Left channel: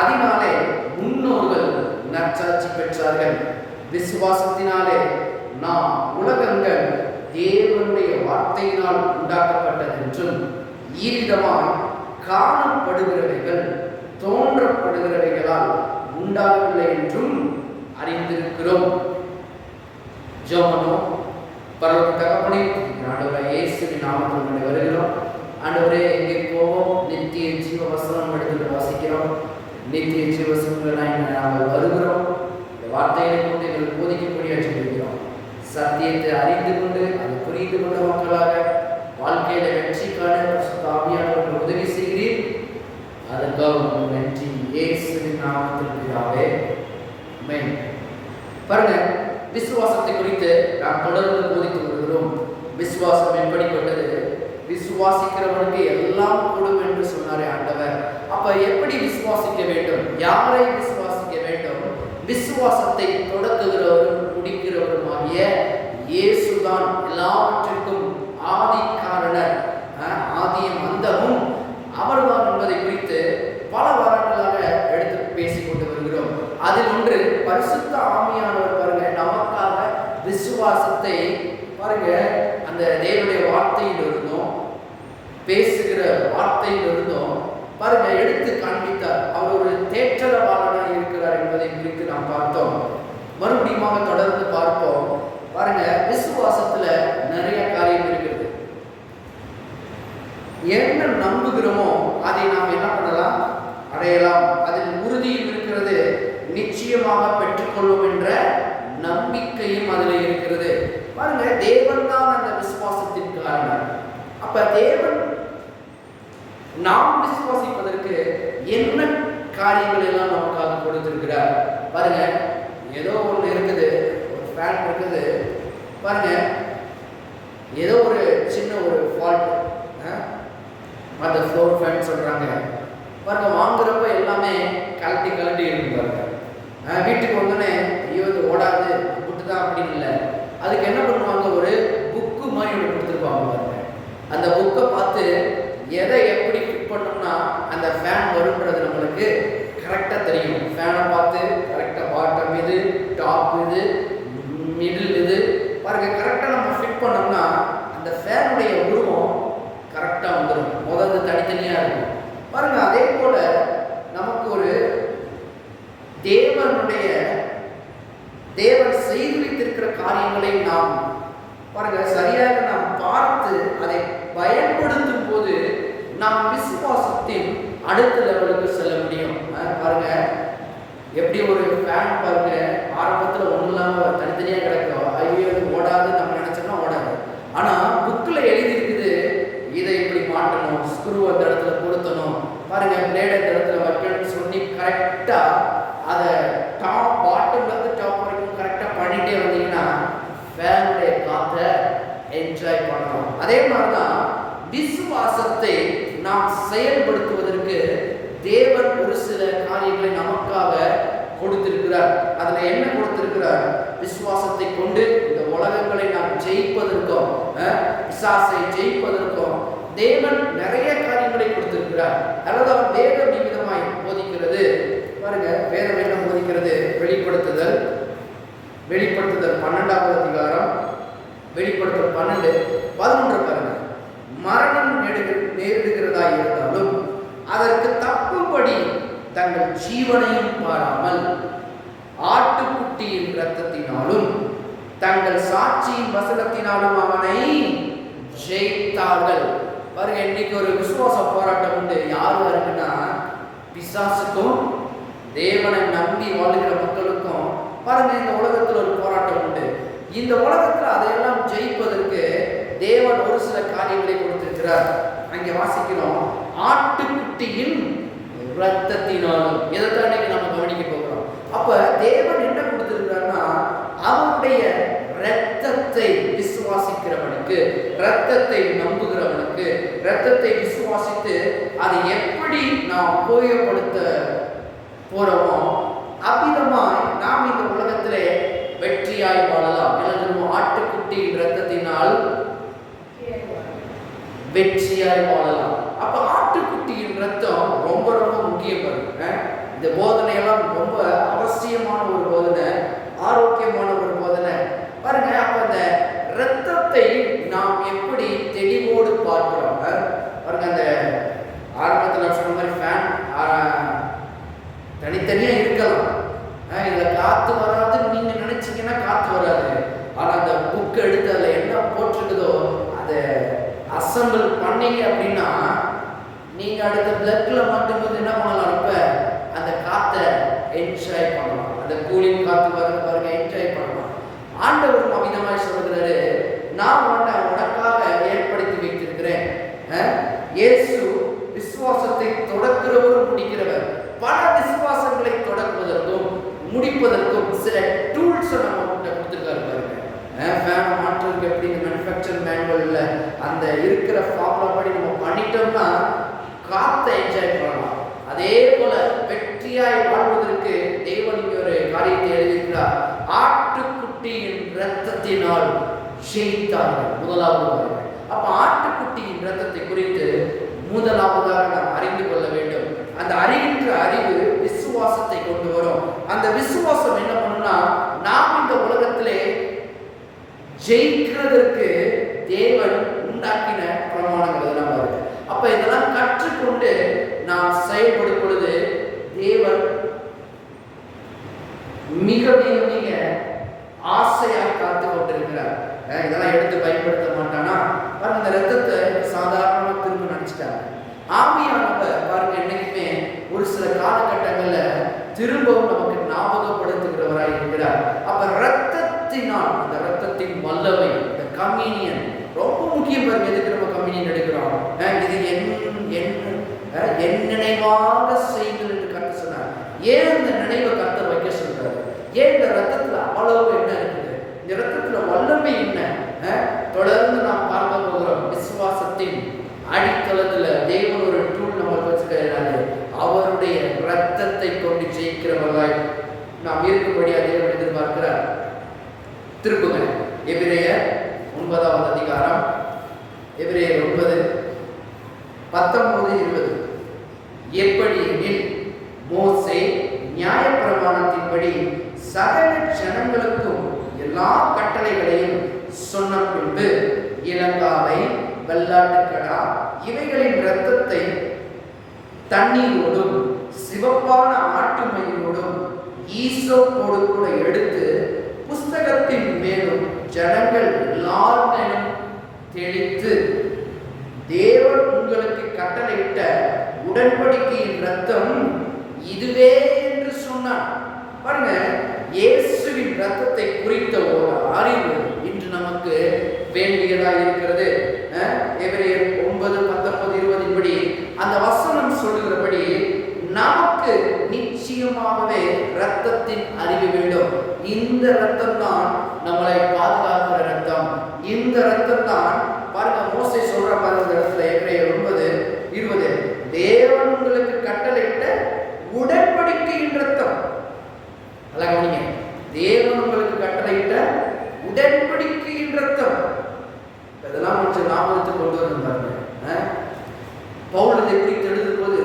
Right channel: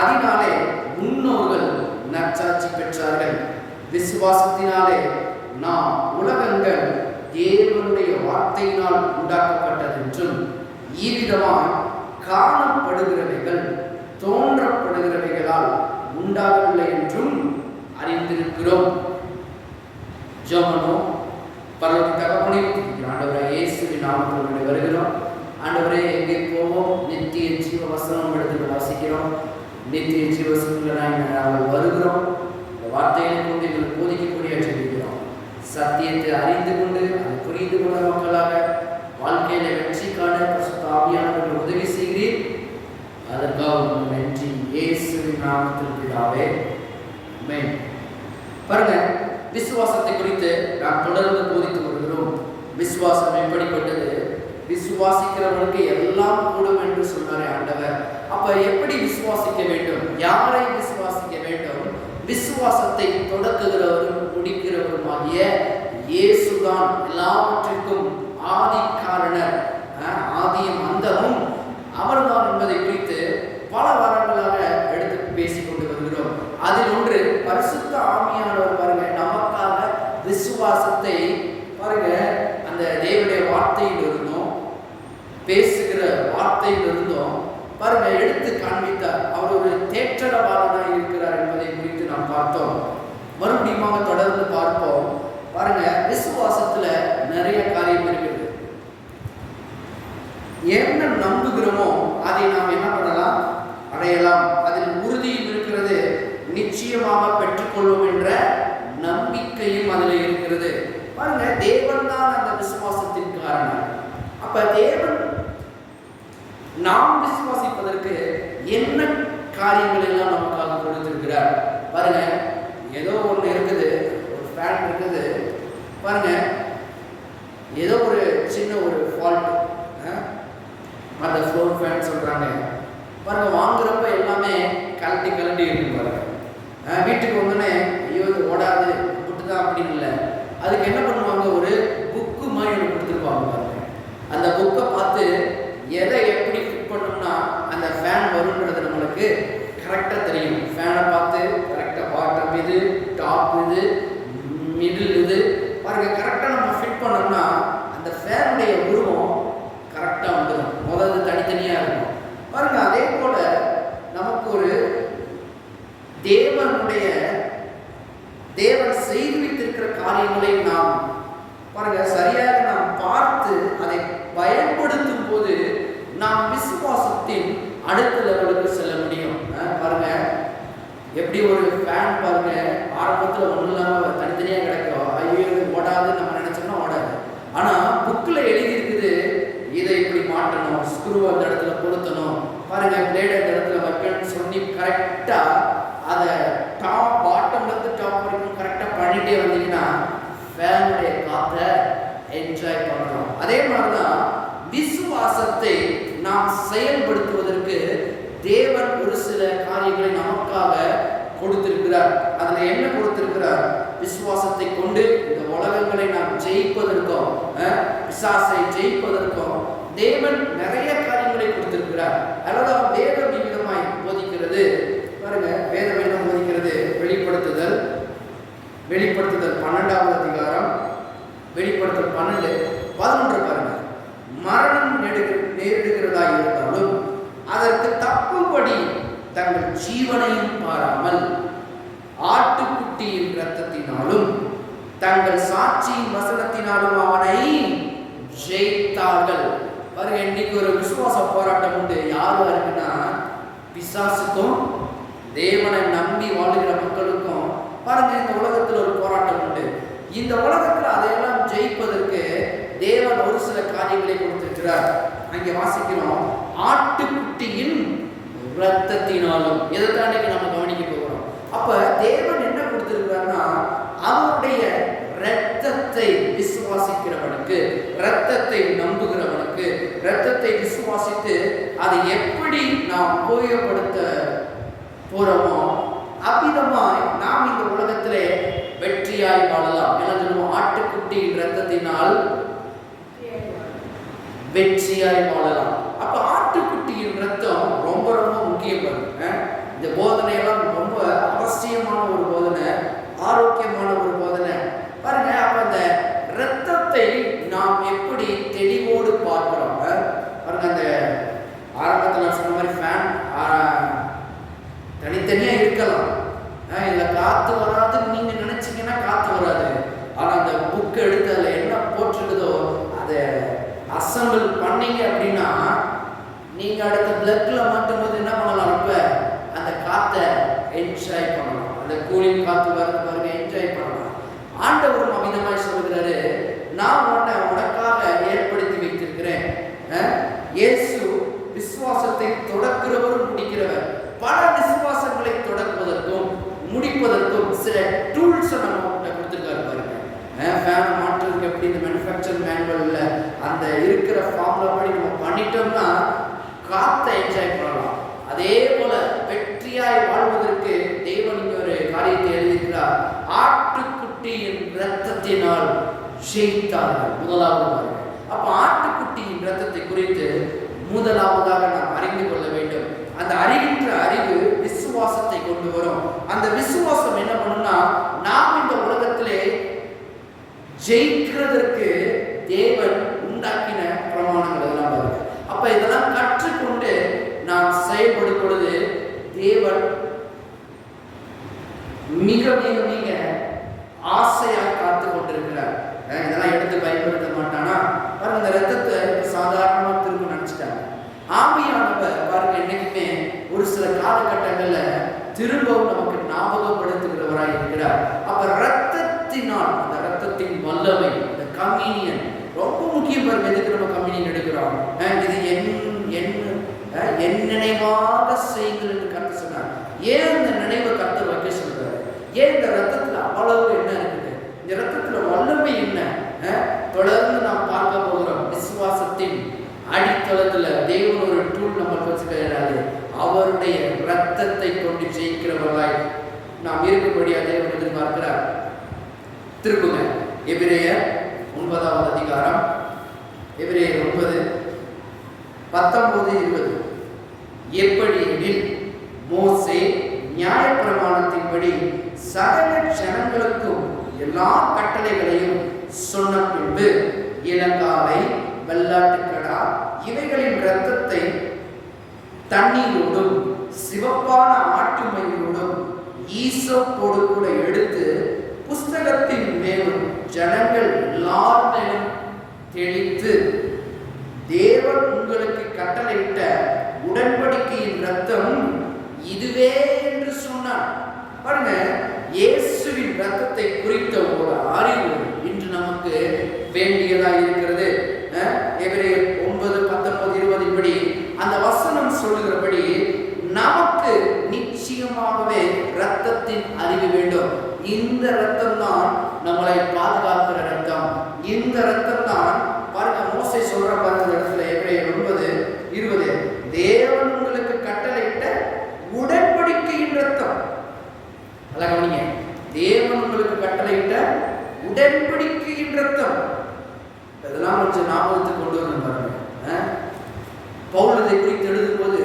அதனாலே முன்னோர்கள் நற்சாட்சி பெற்றார்கள். விசுவாசத்தினாலே நாம் உலகங்கள் தேவனுடைய வார்த்தையினால் உண்டாக்கப்பட்டதென்றும் இவ்விதமாய் காணப்படுகிறவைகள் தோன்றப்படுகிறவைகளால் உண்டாகவில்லை என்றும் அறிந்திருக்கிறோம். ஜெபமோ. பரலோக தகப்பனே, ஆண்டவரே இயேசுவின் நாமத்தில் வருகிறோம். ஆண்டவரே, எங்கே போவோம்? நித்திய ஜீவ வசனம் எடுத்து வாசிக்கிறோம். நித்திய ஜீவ வசனங்களாய் நாங்கள் வருகிறோம். இந்த வார்த்தைகளை கொண்டு எங்களுக்கு போதிக்கக்கூடிய சொல்லிக்கிறோம். சத்தியத்தை அறிந்து கொண்டு அதை புரிந்து கொண்ட மக்களாக வாழ்க்கையில வெற்றி காண ஆவியானவர்கள் உதவி செய்கிறீர். அதற்காக நன்றி. இயேசுவின் நாமத்தில் பிதாவே, ஆமென். பாருங்க, விசுவாசத்தை குறித்து நாம் தொடர்ந்து போதித்து வருகிறோம். விசுவாசம் எப்படிப்பட்டது? விசுவாசிக்கிறவனுக்கு எல்லாம் கூடும் என்று சொன்னாரே ஆண்டவர். அப்ப எப்படி விசுவாசிக்க வேண்டும்? யாரை விசுவாசிக்க வேண்டும்? விசுவாசத்தை தொடக்குகிறவரும் முடிக்கிறவருமாகிய இயேசுதான் எல்லாவற்றிற்கும் ஆதி காரணர், ஆதியும் அந்தமும் அவர்தான் என்பதை குறித்து பல வாரங்களாக எடுத்து பேசிக் கொண்டு வருகிறோம். அதில் ஒன்று பரிசுத்த ஆவியானவர் பாருங்க நமக்காக விசுவாசத்தை பாருங்க அந்த தேவனுடைய வார்த்தையில் இருந்தோம், பேசுகிற வார்த்தையில் இருந்தோம் பாருங்க எடுத்து காண்பித்தார். அவர் ஒரு தேற்றரவாளனாக இருக்கிறார் என்பதை குறித்து நாம் பார்த்தோம். மறுபடியும் தொடர்ந்து பார்ப்போம். பாருங்க, விசுவாசத்துல நிறைய காரியம் இருக்கிறது. என்ன நம்புகிறோமோ அதை நாம் என்ன பண்ணலாம்? அடையலாம். அதில் உறுதியும் இருக்கிறது, நிச்சயமாக பெற்றுக்கொள்வோம் என்ற நம்பிக்கையும் அதில் இருக்கிறது. பாருங்க, தேவன் தான் அந்த விசுவாசத்தின் காரணம். அப்ப தேவன் நாம் விசுவாசிப்பதற்கு என்ன காரியங்கள் எல்லாம் நமக்காக கொடுத்திருக்கிறார் பாருங்க. ஏதோ ஒன்று இருக்குது, ஒரு ஃபேன் இருக்குது பாருங்க, ஏதோ ஒரு சின்ன ஒரு ஃபால்ட், அந்த ஃப்ளோர் ஃபேன் சொல்றாங்க பாருங்க. வாங்குறப்ப எல்லாமே கலட்டி இருக்கும் பாருங்க. வீட்டுக்கு வந்தோடனே ஐயோ இது ஓடாது விட்டுதான் அப்படின்னு இல்லை. அதுக்கு என்ன பண்ணுவாங்க? ஒரு புக்கு மாதிரி ஒன்று கொடுத்துருப்பாங்க பாருங்க. அந்த புக்கை பார்த்து எதை எப்படி ஃபிட் பண்ணோம்னா அந்த ஃபேன் வரும்ன்றது நம்மளுக்கு கரெக்டாக தெரியும். ஃபேனை பார்த்து கரெக்டாக பாட்டம் இது, டாப் இது, மிடில் இது பாருங்க கரெக்டாக நம்ம ஃபிட் பண்ணோம்னா அந்த ஃபேனுடைய உருவம் கரெக்டாக வந்துடும். முதல்ல தனித்தனியாக இருக்கும் பாருங்க. அதே போல நமக்கு ஒரு தேவன் செய்து வைத்திருக்கிற காரியங்களை நாம் பாருங்க சரியாக நாம் பார்த்து அதை பயன்படுத்தும் போது நாம் விசுவாசத்தின் அடுத்த லெவலுக்கு செல்ல முடியும். பாருங்க, எப்படி ஒரு ஃபேன் பாருங்க ஆரம்பத்தில் ஒன்றும் இல்லாமல் தனித்தனியாக கிடக்கும், ஐயோ ஓடாது நம்ம நினைச்சோம்னா ஓடாது. ஆனால் புக்கில் எழுதி இருக்குது இதை இப்படி மாட்டணும், ஸ்க்ரூ அந்த இடத்துல பொருத்தணும், பாருங்க பிளேட் அந்த இடத்துல வைக்கணும்னு சொல்லி கரெக்டாக அதை டாப் பாட்டம்லேருந்து டாப் வரைக்கும் கரெக்டாக பண்ணிகிட்டே வந்தீங்கன்னா ஃபேனுடைய காற்றை என்ஜாய் பண்ணணும். அதே மாதிரி தான் விசுவாசத்தை நாம் செயல்படுத்துவதற்கு தேவன் ஒரு சில காரியங்களை நமக்காக கொடுத்திருக்கிறார். அதில் என்ன கொடுத்திருக்கிறார்? விசுவாசத்தை கொண்டு இந்த உலகங்களை நாம் ஜெயிப்பதற்கும் பிசாசை ஜெயிப்பதற்கும் தேவன் நிறைய காரியங்களை கொடுத்திருக்கிறார். அதாவது வேதம் விதமாய் போதிக்கிறது பாருங்க. வேதம் என்ன போதிக்கிறது? வெளிப்படுத்துதல் 12வது அதிகாரம், வெளிப்படுத்தல் 12:11 பாருங்க. மரணம் நேரிடுகிறதா இருந்தாலும் அதற்கு தப்பும்படி தங்கள் ஜீவனையும் பாராமல் ஆட்டுக்குட்டியின் இரத்தத்தினாலும் தங்கள் சாட்சியின் வசனத்தினாலும் அவனை ஜெயித்தார்கள். பாருங்க, இன்னைக்கு ஒரு விசுவாச போராட்டம் உண்டு. யாரு இருக்குன்னா பிசாசுக்கும் தேவனை நம்பி வாழுகிற மக்களுக்கும் பாருங்க இந்த உலகத்தில் ஒரு போராட்டம் உண்டு. இந்த உலகத்தில் அதையெல்லாம் ஜெயிப்பதற்கு தேவன் ஒரு சில காரியங்களை கொடுத்திருக்கிறார். அங்கே வாசிக்கிறோம், ஆட்டுக்குட்டியின் இரத்தத்தினாலும். இதைத்தான் இன்னைக்கு நம்ம கவனிக்க போகிறோம். அப்ப தேவன் என்ன கொடுத்திருக்கிறார்னா அவருடைய இரத்தத்தை விசுவாசிக்கிறவனுக்கு, இரத்தத்தை நம்புகிறவனுக்கு, இரத்தத்தை விசுவாசித்து அதை எப்படி நாம் உபயோகப்படுத்த போறோமோ அவ்விதமாய் நாம் இந்த உலகத்திலே வெற்றியாய் வாழலாம். எழுதுவோம், ஆட்டுக்குட்டியின் இரத்தத்தினால் வெற்றியாய் வாழலாம். அப்ப ஆட்டுக்குட்டியின் ரத்தம் ரொம்ப ரொம்ப முக்கியம். பாருங்க, இந்த அந்த பிளட்ல மாட்டும் போது என்ன பண்ணலாம், இப்ப அந்த காத்தை என்ஜாய் பண்ணலாம். அந்த கூலிங் காத்து வருது பாருங்க, என்ஜாய் பண்ணலாம். ஆண்டவரும் அமிதமாய் சொல்லுகிறாரு, நான் உனக்காக ஏற்படுத்தி வைத்திருக்கிறேன். இயேசு விசுவாசத்தை தொடக்கிறவரும் முடிக்கிறவர். பல விசுவாசங்களை தொடக்குவதற்கும் முடிப்பதற்கும் சில டூல்ஸை நம்ம கிட்ட கொடுத்துருக்காரு பாருங்க. ஃபேனை மாற்றுறதுக்கு எப்படி இந்த மேனுஃபேக்சர் மேனுவலில் அந்த இருக்கிற ஃபார்முலா படி நம்ம பண்ணிட்டோம்னா காத்தை என்ஜாய் பண்ணலாம். அதே போல வெற்றியாய் வாழ்வதற்கு தேவன் இங்கே ஒரு காரியத்தை எழுதியிருக்கிறார். ஆட்டுக்குட்டியின் இரத்தத்தினால் ஜெயித்தார்கள். முதலாவது பாருங்க. அப்ப ஆட்டுக்குட்டியின் இரத்தத்தை குறித்து முதலாவதாக நாம் அறிந்து கொள்ள வேண்டும். அந்த அறிகின்ற அறிவு விசுவாசத்தை கொண்டு வரும். அந்த விசுவாசம் என்ன பண்ணும்னா, நாம் இந்த உலகத்திலே ஜெயிக்கிறதற்கு தேவன் உண்டாக்கின பிரமாணங்கள் இதெல்லாம் பாருங்க. அப்ப இதெல்லாம் கற்றுக்கொண்டு நாம் செயல்படும் பொழுது தேவன் மிக மிக மிக ஆசையாக காத்து கொண்டிருக்கிறார். இதெல்லாம் எடுத்து பயன்படுத்த மாட்டானா பாருங்க. இந்த ரத்தத்தை சாதாரணமா திரும்ப நினைச்சிட்டாங்க. ஆவியானவர் பாருங்க என்னைக்குமே ஒரு சில காலகட்டங்கள்ல திரும்பவும் நமக்கு ஞாபகப்படுத்துகிறவராய் இருக்கிறார். அப்ப ரத்தத்தினால், அந்த ரத்தத்தின் வல்லமை, இந்த கம்யூனியன் ரொம்ப முக்கியம் பாருங்க. எதுக்கு நம்ம கம்யூனியன் எடுக்கிறோம்? இது என் நினைவாக செய்யுங்கள் என்று கர்த்தர் சொன்னார். ஏன் இந்த நினைவை கர்த்தர் வைக்க சொல்றாரு? ஏன் இந்த ரத்தத்துல அவ்வளவு என்ன இருக்குது? இந்த ரத்தத்துல வல்லமை என்ன? தொடர்ந்து நாம் பார்க்க போகிறோம். விசுவாசத்தின் அடித்தளத்துல தேவன் ஒரு டூல் நம்மளுக்கு வச்சுக்கிறாரு. அவருடைய ரத்தத்தை கொண்டு ஜெயிக்கிறவர்களாய் நாம் இருக்கும்படியா தேவன் எதிர்பார்க்கிறார். திருப்புங்க எபிரேயர் 9வது அதிகாரம், எபிரேயர் 9:19-20. எப்படி எனில் மோசே நியாயப்பிரமாணத்தின்படி சகல ஜனங்களுக்கும் எல்லா கட்டளைகளையும் சொன்ன பின்பு இளங்காலை, வெள்ளாட்டுக்கடா இவைகளின் இரத்தத்தை தண்ணீரோடும் சிவப்பான ஆட்டு மயிரோடும் ஈசோப்போடு கூட எடுத்து புஸ்தகத்தின் மேலும் ஜனங்கள் எல்லார் மேலும் தெளித்து, தேவன் உங்களுக்கு கட்டளையிட்ட உடன்படிக்கையின் இரத்தம் இதுவே என்று சொன்னார். பாருங்க, இயேசுவின் இரத்தத்தை குறித்த ஒரு அறிவு இன்று நமக்கு வேண்டியதா இருக்கிறது. எபிரேயர் 9:19-20 படி அந்த வசனம் சொல்லுகிறபடி நமக்கு நிச்சயமாகவே இரத்தத்தின் அறிவு வேண்டும். இந்த இரத்தம் தான் நம்மளை பாதுகாக்கிற இரத்தம். இந்த இரத்தம் தான் பாருங்க மோசே சொல்ற பாருங்க இந்த இடத்துல எபிரேயர் 9:20, தேவன் உங்களுக்கு கட்டளையிட்ட உடன்படிக்கையின் இரத்தம். நல்லா கவனிங்க, தேவன் உங்களுக்கு கட்டளையிட்ட உடன்படிக்கையின் இரத்தம். இதெல்லாம் கொஞ்சம் ஞாபகத்துக்கு கொண்டு வரணும் பாருங்க. பவுல் இதை குறித்து எழுதும் போது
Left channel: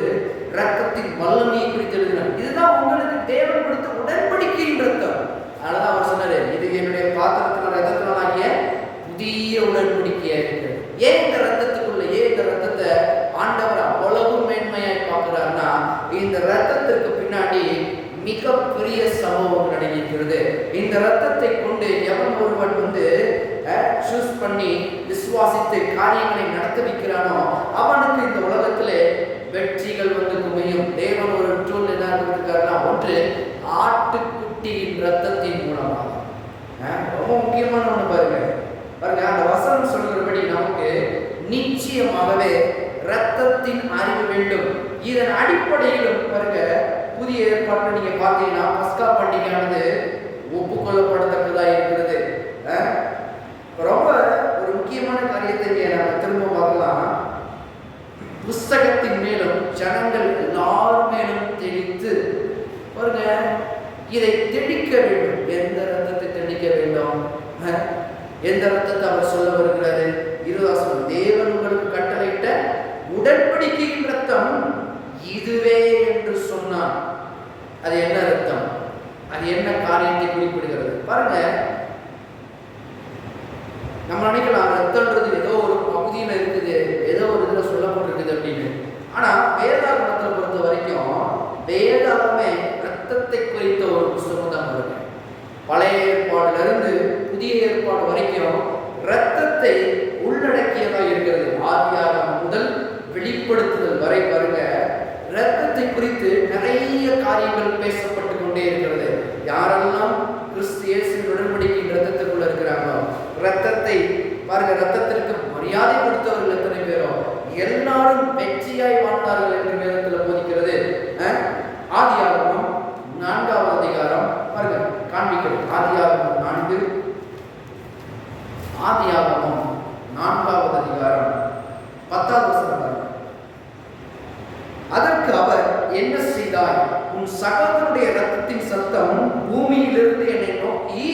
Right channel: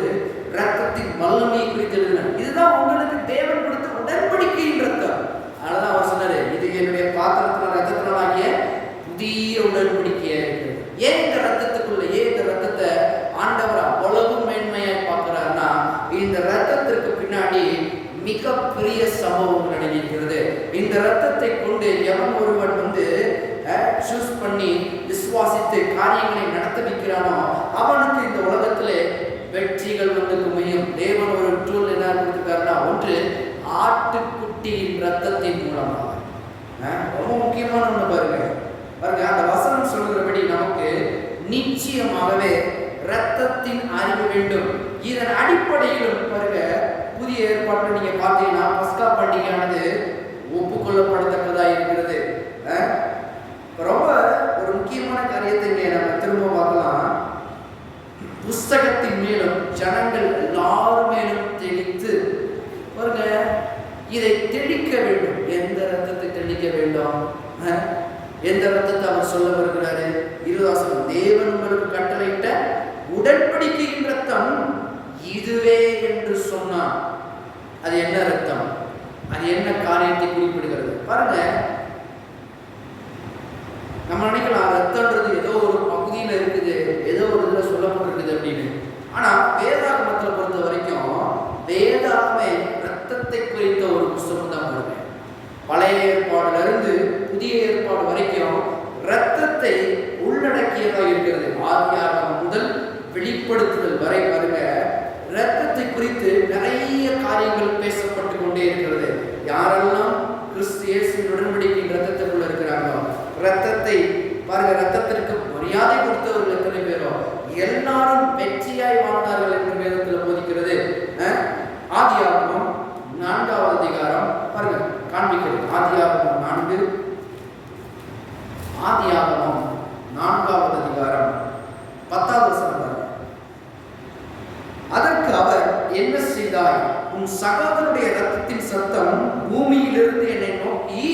இரத்தத்தின் வல்லமையை குறித்து எழுதினார். இதுதான் உங்களுக்கு தேவன் கொடுத்த உடன்படிக்கையின் இரத்தம். அதனால அவர் சொன்னாரு, இது என்னுடைய பாத்திரத்தினால் ரத்தத்தினால் ஆகிய புதிய உடன்படிக்கையா இருக்கு. ஏன் இந்த ரத்தத்துக்குள்ள, ஏன் இந்த ரத்தத்தை ஆண்டவர் அவ்வளவு மேன்மையாய் பார்க்கிறார்னா, இந்த ரத்தத்திற்கு பின்னாடி மிகப்பெரிய சம்பவம் நடக்கிறது. இந்த ரத்தத்தை கொண்டு எவன் ஒருவன் சூஸ் பண்ணி விசுவாசித்து காரியங்களை நடத்த வைக்கிறானோ அவனுக்கு இந்த உலகத்திலே வெற்றிகள் குமையும். தேவன் ஒரு டூல் என்ன கொடுத்துருக்காருன்னா, ஒன்று ஆட்டுக்குட்டியின் ரத்தத்தின் மூலமாக. ரொம்ப முக்கியமான ஒன்று பாருங்க. அந்த வசனம் சொல்கிறபடி நமக்கு நிச்சயமாகவே இரத்தத்தின் அறிவு வேண்டும். இதன் அடிப்படையிலும் பாருங்க, புதிய ஏற்பாட்டில் நீங்க பார்த்தீங்கன்னா பஸ்கா பண்டிகையானது ஒப்புக்கொள்ளப்படத்தக்கதாக இருக்கிறது. ரொம்ப ஒரு முக்கியமான காரியத்தை இங்கே நம்ம திரும்ப பார்க்கலாம். புஸ்தகத்தின் மேலும் ஜனங்கள் எல்லாரும் மேலும் தெளித்து பாருங்க, இதை தெளிக்க வேண்டும். எந்த ரத்தத்தை தெளிக்க வேண்டும்? எந்த ரத்தத்தை அவர் சொல்ல வருகிறாரு? 20 தேவன் உங்களுக்கு கட்டளையிட்ட உடன்படிக்கையின் ரத்தம் இதுவே என்று சொன்னார். அது என்ன ரத்தம்? அது என்ன காரியத்தை குறிப்பிடுகிறது? பாருங்க, நம்ம நினைக்கலாம் ரத்தம்ன்றது ஏதோ ஒரு பகுதியில் இருக்குது, ஏதோ ஒரு இதில் சொல்லப்பட்டிருக்குது அப்படின்னு. ஆனால் வேதாகமத்தை பொறுத்த வரைக்கும் வேதாகமே ரத்தத்தை குறித்த ஒரு புஸ்தகம் தான் பாருங்க. பழைய ஏற்பாடுலேருந்து புதிய ஏற்பாடு வரைக்கும் ரத்தத்தை உள்ளடக்கியதாக இருக்கிறது. ஆதியாகமம் முதல் வெளிப்படுத்துதல் வரை பாருங்க, இரத்தத்தை குறித்து நிறைய காரியங்கள் பேசப்பட்டு கொண்டே இருக்கிறது. யாரெல்லாம் கிறிஸ்து இயேசுவின் உடன்படிக்கையின் இரத்தத்துக்குள்ள இருக்கிறாங்களோ, இரத்தத்தை பாருங்க, இரத்தத்திற்கு மரியாதை கொடுத்தவர்கள் எத்தனை பேரோ எல்லாரும் வெற்றியாய் வாழ்ந்தார்கள் என்று வேதத்தில் போதிக்கிறது. ஆதியாகமம் 4வது அதிகாரம் பாருங்க காண்பிக்கிறது. ஆதியாகமம் 4வது அதிகாரம் 10வது வசனம் பாருங்க. அதற்கு அவர், என்ன செய்தாய்? உன் சகோதரனுடைய இரத்தத்தின் சத்தம் பூமியிலிருந்து என்னை நோக்கி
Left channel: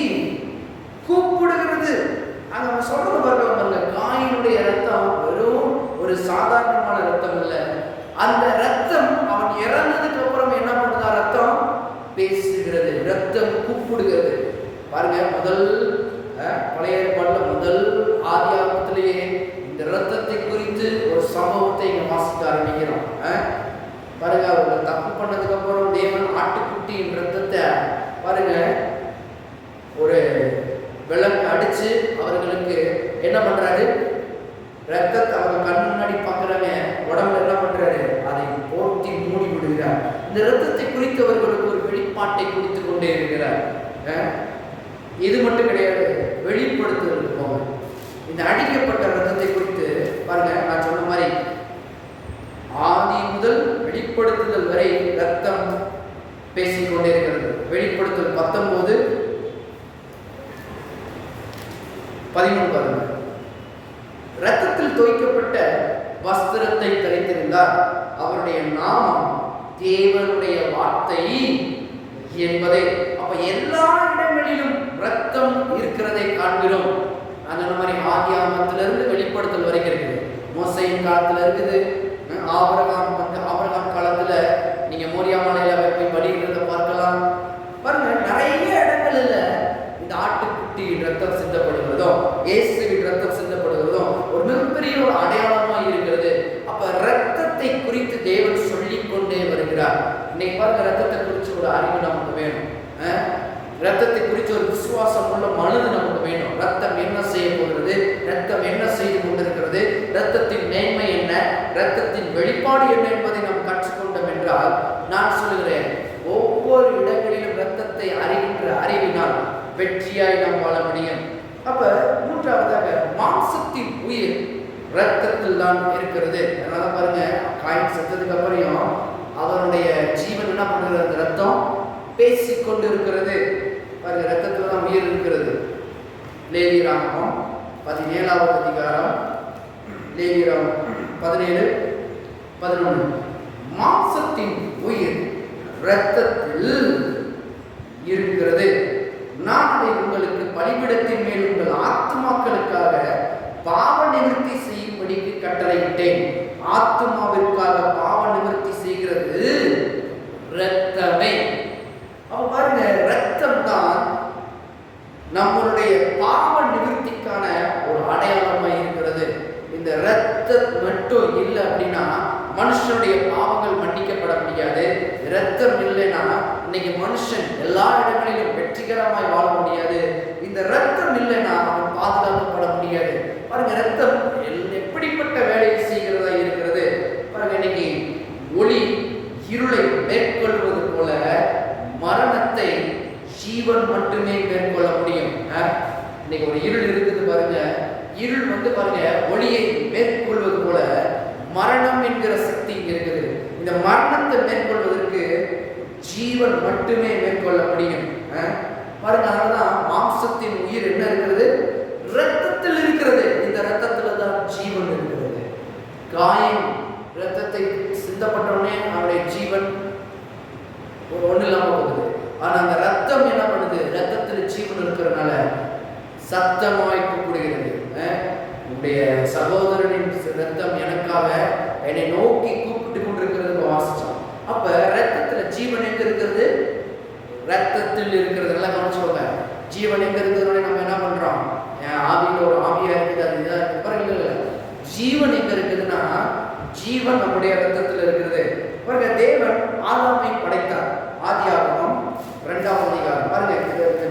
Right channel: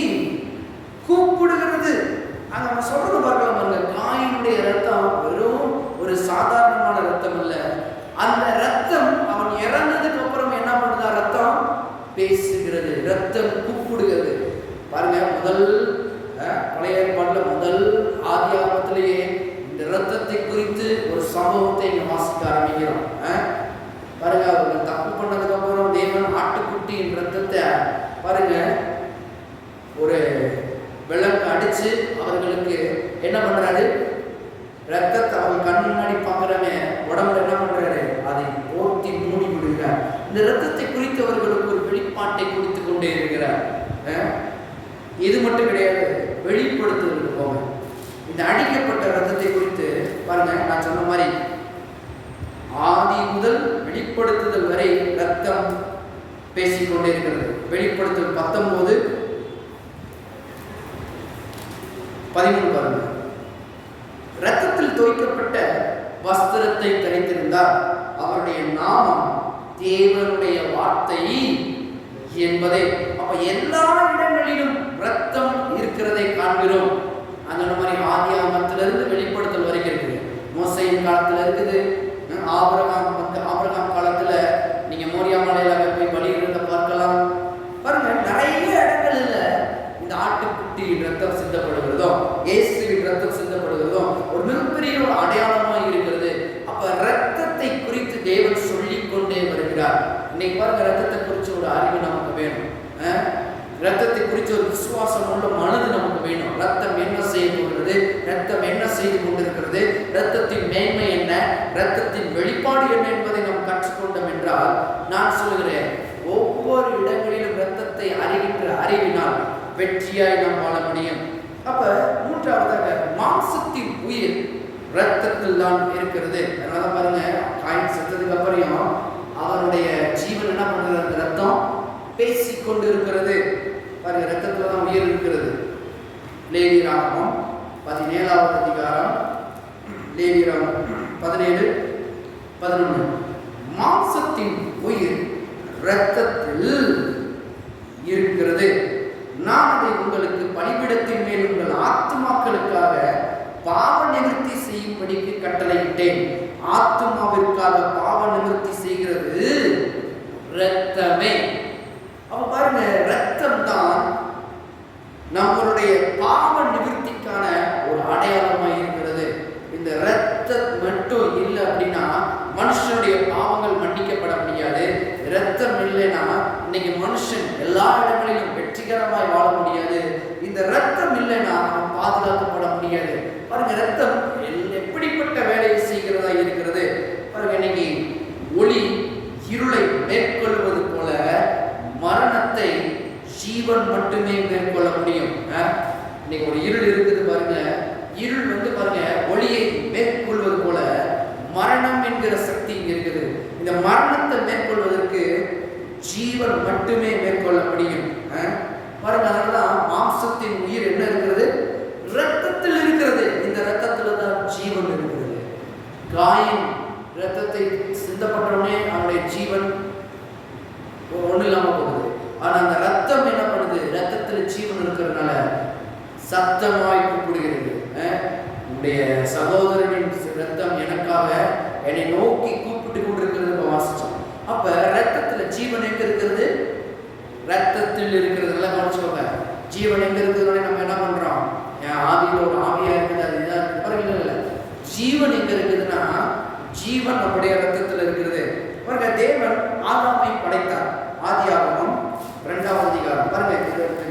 கூப்பிடுகிறது. அங்க அவன் சொல்றது பார்க்கலாம் பாருங்க, காயினுடைய இரத்தம் வெறும் ஒரு சாதாரணமான இரத்தம் அல்ல. அந்த இரத்தம் அவன் இறந்ததுக்கு அப்புறம் என்ன பண்ணுதா? ரத்தம் பேசுகிறது, ரத்தம் கூப்பிடுகிறது. பாருங்க, முதல் பழைய ஏற்பாட்டில் முதல் ஆதியாகமத்திலேயே இந்த இரத்தத்தை குறித்து ஒரு சம்பவத்தை இங்க வாசிக்க ஆரம்பிக்கிறோம். பாருங்க, அவர்கள் தப்பு பண்ணதுக்கு அப்புறம் தேவன் ஆட்டுக்குட்டியின் இரத்தத்தை பாருங்க ஒரு விளக்கு அடிச்சு அவர்களுக்கு என்ன பண்றாரு? ரத்தத்தை அவங்க கண் முன்னாடி பார்க்குறாங்க, உடம்புல என்ன பண்றாரு? அதை போர்த்தி மூடி விடுகிறார். இந்த ரத்தத்தை குறித்து அவர்களுக்கு ஒரு வெளிப்பாட்டை கொடுத்து கொண்டே இருக்கிறார். இது மட்டும் கிடையாது, வெளிப்படுத்துதல் போக இந்த அடிக்கப்பட்ட ரத்தத்தை குறித்து பாருங்க, நான் சொன்ன மாதிரி ஆதி முதல் வெளிப்படுத்துதல் வரை ரத்தம் பேசிக்கொண்டே இருக்கிறது. வெளிப்படுத்துதல் 19:13 பாருங்க. இரத்தத்தில் தோய்க்கப்பட்ட வஸ்திரத்தை தரித்திருந்தார், அவருடைய நாமம் தேவனுடைய வார்த்தை என்பதை. அப்ப எல்லா இடங்களிலும் ரத்தம் இருக்கிறதை காண்கிறோம். அந்த மாதிரி ஆதியாகமத்திலிருந்து வெளிப்படுத்தல் வரைக்கும் இருக்குது. மோசையின் காலத்துல இருக்குது, ஆபிரகாம் காலத்துல நீங்க மோரியா மலையில போய் வழிகிறத பார்க்கலாம். பாருங்க, நிறைய இடங்கள்ல இந்த ஆட்டுக்குட்டி ரத்தம் சிந்தப்படுகிறதோ, இயேசுவின் ரத்தம் சிந்தப்படுகிறதோ ஒரு மிகப்பெரிய ஒரு அடையாளமா இருக்கிறது. அப்ப ரத்தத்தை குறித்து தேவன் சொல்லிக் கொண்டே வருகிறார். இன்னைக்கு பாருங்க, ரத்தத்தை குறித்து ஒரு அறிவு நமக்கு வேணும். ரத்தத்தை குறித்து ஒரு விசுவாசம் உள்ள மனது நமக்கு வேணும். ரத்தம் என்ன செய்ய போகிறது? ரத்தம் என்ன செய்து கொண்டிருக்கிறது? ரத்தத்தின் மேன்மை என்ன? ரத்தத்தின் வெளிப்பாடு என்ன என்பதை நாம் கற்றுக்கொண்டோம் என்றால், நான் சொல்லுகிறேன், ஒவ்வொரு இடங்களிலும் ரத்தத்தை அறிகின்ற அறிவினால் வெற்றியாய் நாம் வாழ முடியும். அப்ப மூன்றாவதாக, மாம்சத்தின் உயிர் ரத்தத்தில் தான் இருக்கிறது. அதனால பாருங்க, காயின் செத்ததுக்கு அப்புறம் அவருடைய ஜீவன் என்ன பண்றது? அந்த ரத்தம் பேசிக்கொண்டு இருக்கிறது. பாருங்க, ரத்தத்துல தான் உயிர் இருக்கிறது. லேவியராகமம் 17வது அதிகாரம், லேவியராகமம் 17:11 மாம்சத்தின் உயிர் இரத்தத்தில் இருக்கிறது. நான் அதை உங்களுக்கு பலிபீடத்தின் மேல் உங்கள் ஆத்துமாக்களுக்காக பாவ நிவர்த்தி செய்யும்படிக்கு கட்டளையிட்டேன். ஆத்துமாவிற்காக பாவ நிவர்த்தி செய்கிறது இரத்தமே. அப்ப பாருங்க, இரத்தம் தான் நம்மளுடைய பாவ நிவர்த்திக்கான ஒரு அடையாளமாக இருக்கிறது. இந்த இரத்தம் மட்டும் இல்லை அப்படின்னா மனுஷனுடைய பாவங்கள் மன்னிக்கப்பட முடியாது. இரத்தம் இல்லைன்னா இன்னைக்கு மனுஷன் எல்லா இடங்களிலும் வெற்றிகரமாய் வாழ முடியாது. இந்த இரத்தம் இல்லைன்னா அவன் பாதுகாக்கப்பட முடியாது. பாருங்க, இரத்தம் எப்படிப்பட்ட வேலையை செய்கிறதா இருக்கிறது பாருங்க. இன்னைக்கு ஒளி இருளை மேற்கொள்வது போல மரணத்தை ஜீவன் மட்டுமே மேற்கொள்ள முடியும். இன்னைக்கு ஒரு இருள் இருக்குது பாருங்க, இருள் பாருங்க ஒளியை மேற்கொள்வது போல மரணம் என்கிற சக்தி இங்க இருக்குது. இந்த மரணத்தை மேற்கொள்வதற்கு ஜீவன் மட்டுமே மேற்கொள்ள முடியும். பாருங்க, அதனாலதான் மாம்சத்தின் உயிர் என்ன இருக்கிறது? இரத்தத்தில் இருக்கிறது. இந்த இரத்தத்துல தான் ஜீவன் இருக்கிறது. காயின் இரத்தத்தை சிந்தப்பட்டவுடனே அவனுடைய ஜீவன் ஒண்ணு இல்லாம போகுது. ஆனா அந்த ரத்தம் என்ன பண்ணுது? ரத்தத்துல ஜீவன் இருக்கிறதுனால சத்தமாய் கூப்பிடுகிறது. உன்னுடைய சகோதரனின் ரத்தம் எனக்காக என்னை நோக்கி கூப்பிட்டு கொண்டிருக்கிறது வாசிச்சோம். அப்ப ரத்தத்துல ஜீவன் எங்க இருக்கிறது? ரத்தத்தில் இருக்கிறது. நல்லா கவனிச்சுக்கோங்க. ஜீவன் எங்க இருக்கிறதுனால நம்ம என்ன பண்றோம்? ஆவியில ஒரு ஆவியா இருக்குது, அது இதான் இல்லை. ஜீவன் எங்க இருக்குதுன்னா ஜீவன் நம்முடைய ரத்தத்தில் இருக்கிறது. பாருங்க, தேவன் ஆதாமை படைத்தார். ஆதியாகமம் 2வது அதிகாரம் பாருங்க,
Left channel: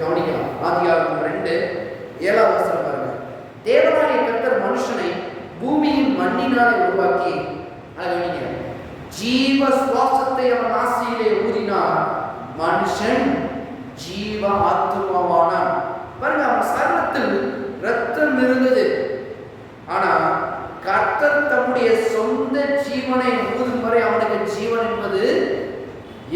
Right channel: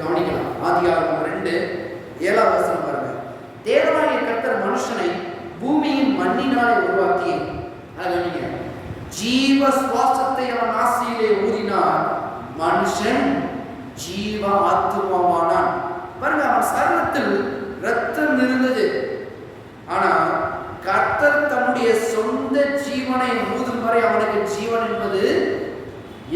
கவனிக்கலாம். ஆதியாகமம் 2:7 பாருங்க. தேவனாகிய கர்த்தர் மனுஷனை பூமியின் மண்ணினாலே உருவாக்கி கவனிங்க, ஜீவ சுவாசத்தை அவன் நாசியிலே ஊதினார், மனுஷன் ஜீவ ஆத்துமாவானான். பாருங்க, அவன் சரீரத்தில் ரத்தம் இருந்தது. ஆனா கர்த்தர் தம்முடைய சொந்த ஜீவனை ஊதும் வரை அவனுக்கு ஜீவன் என்பது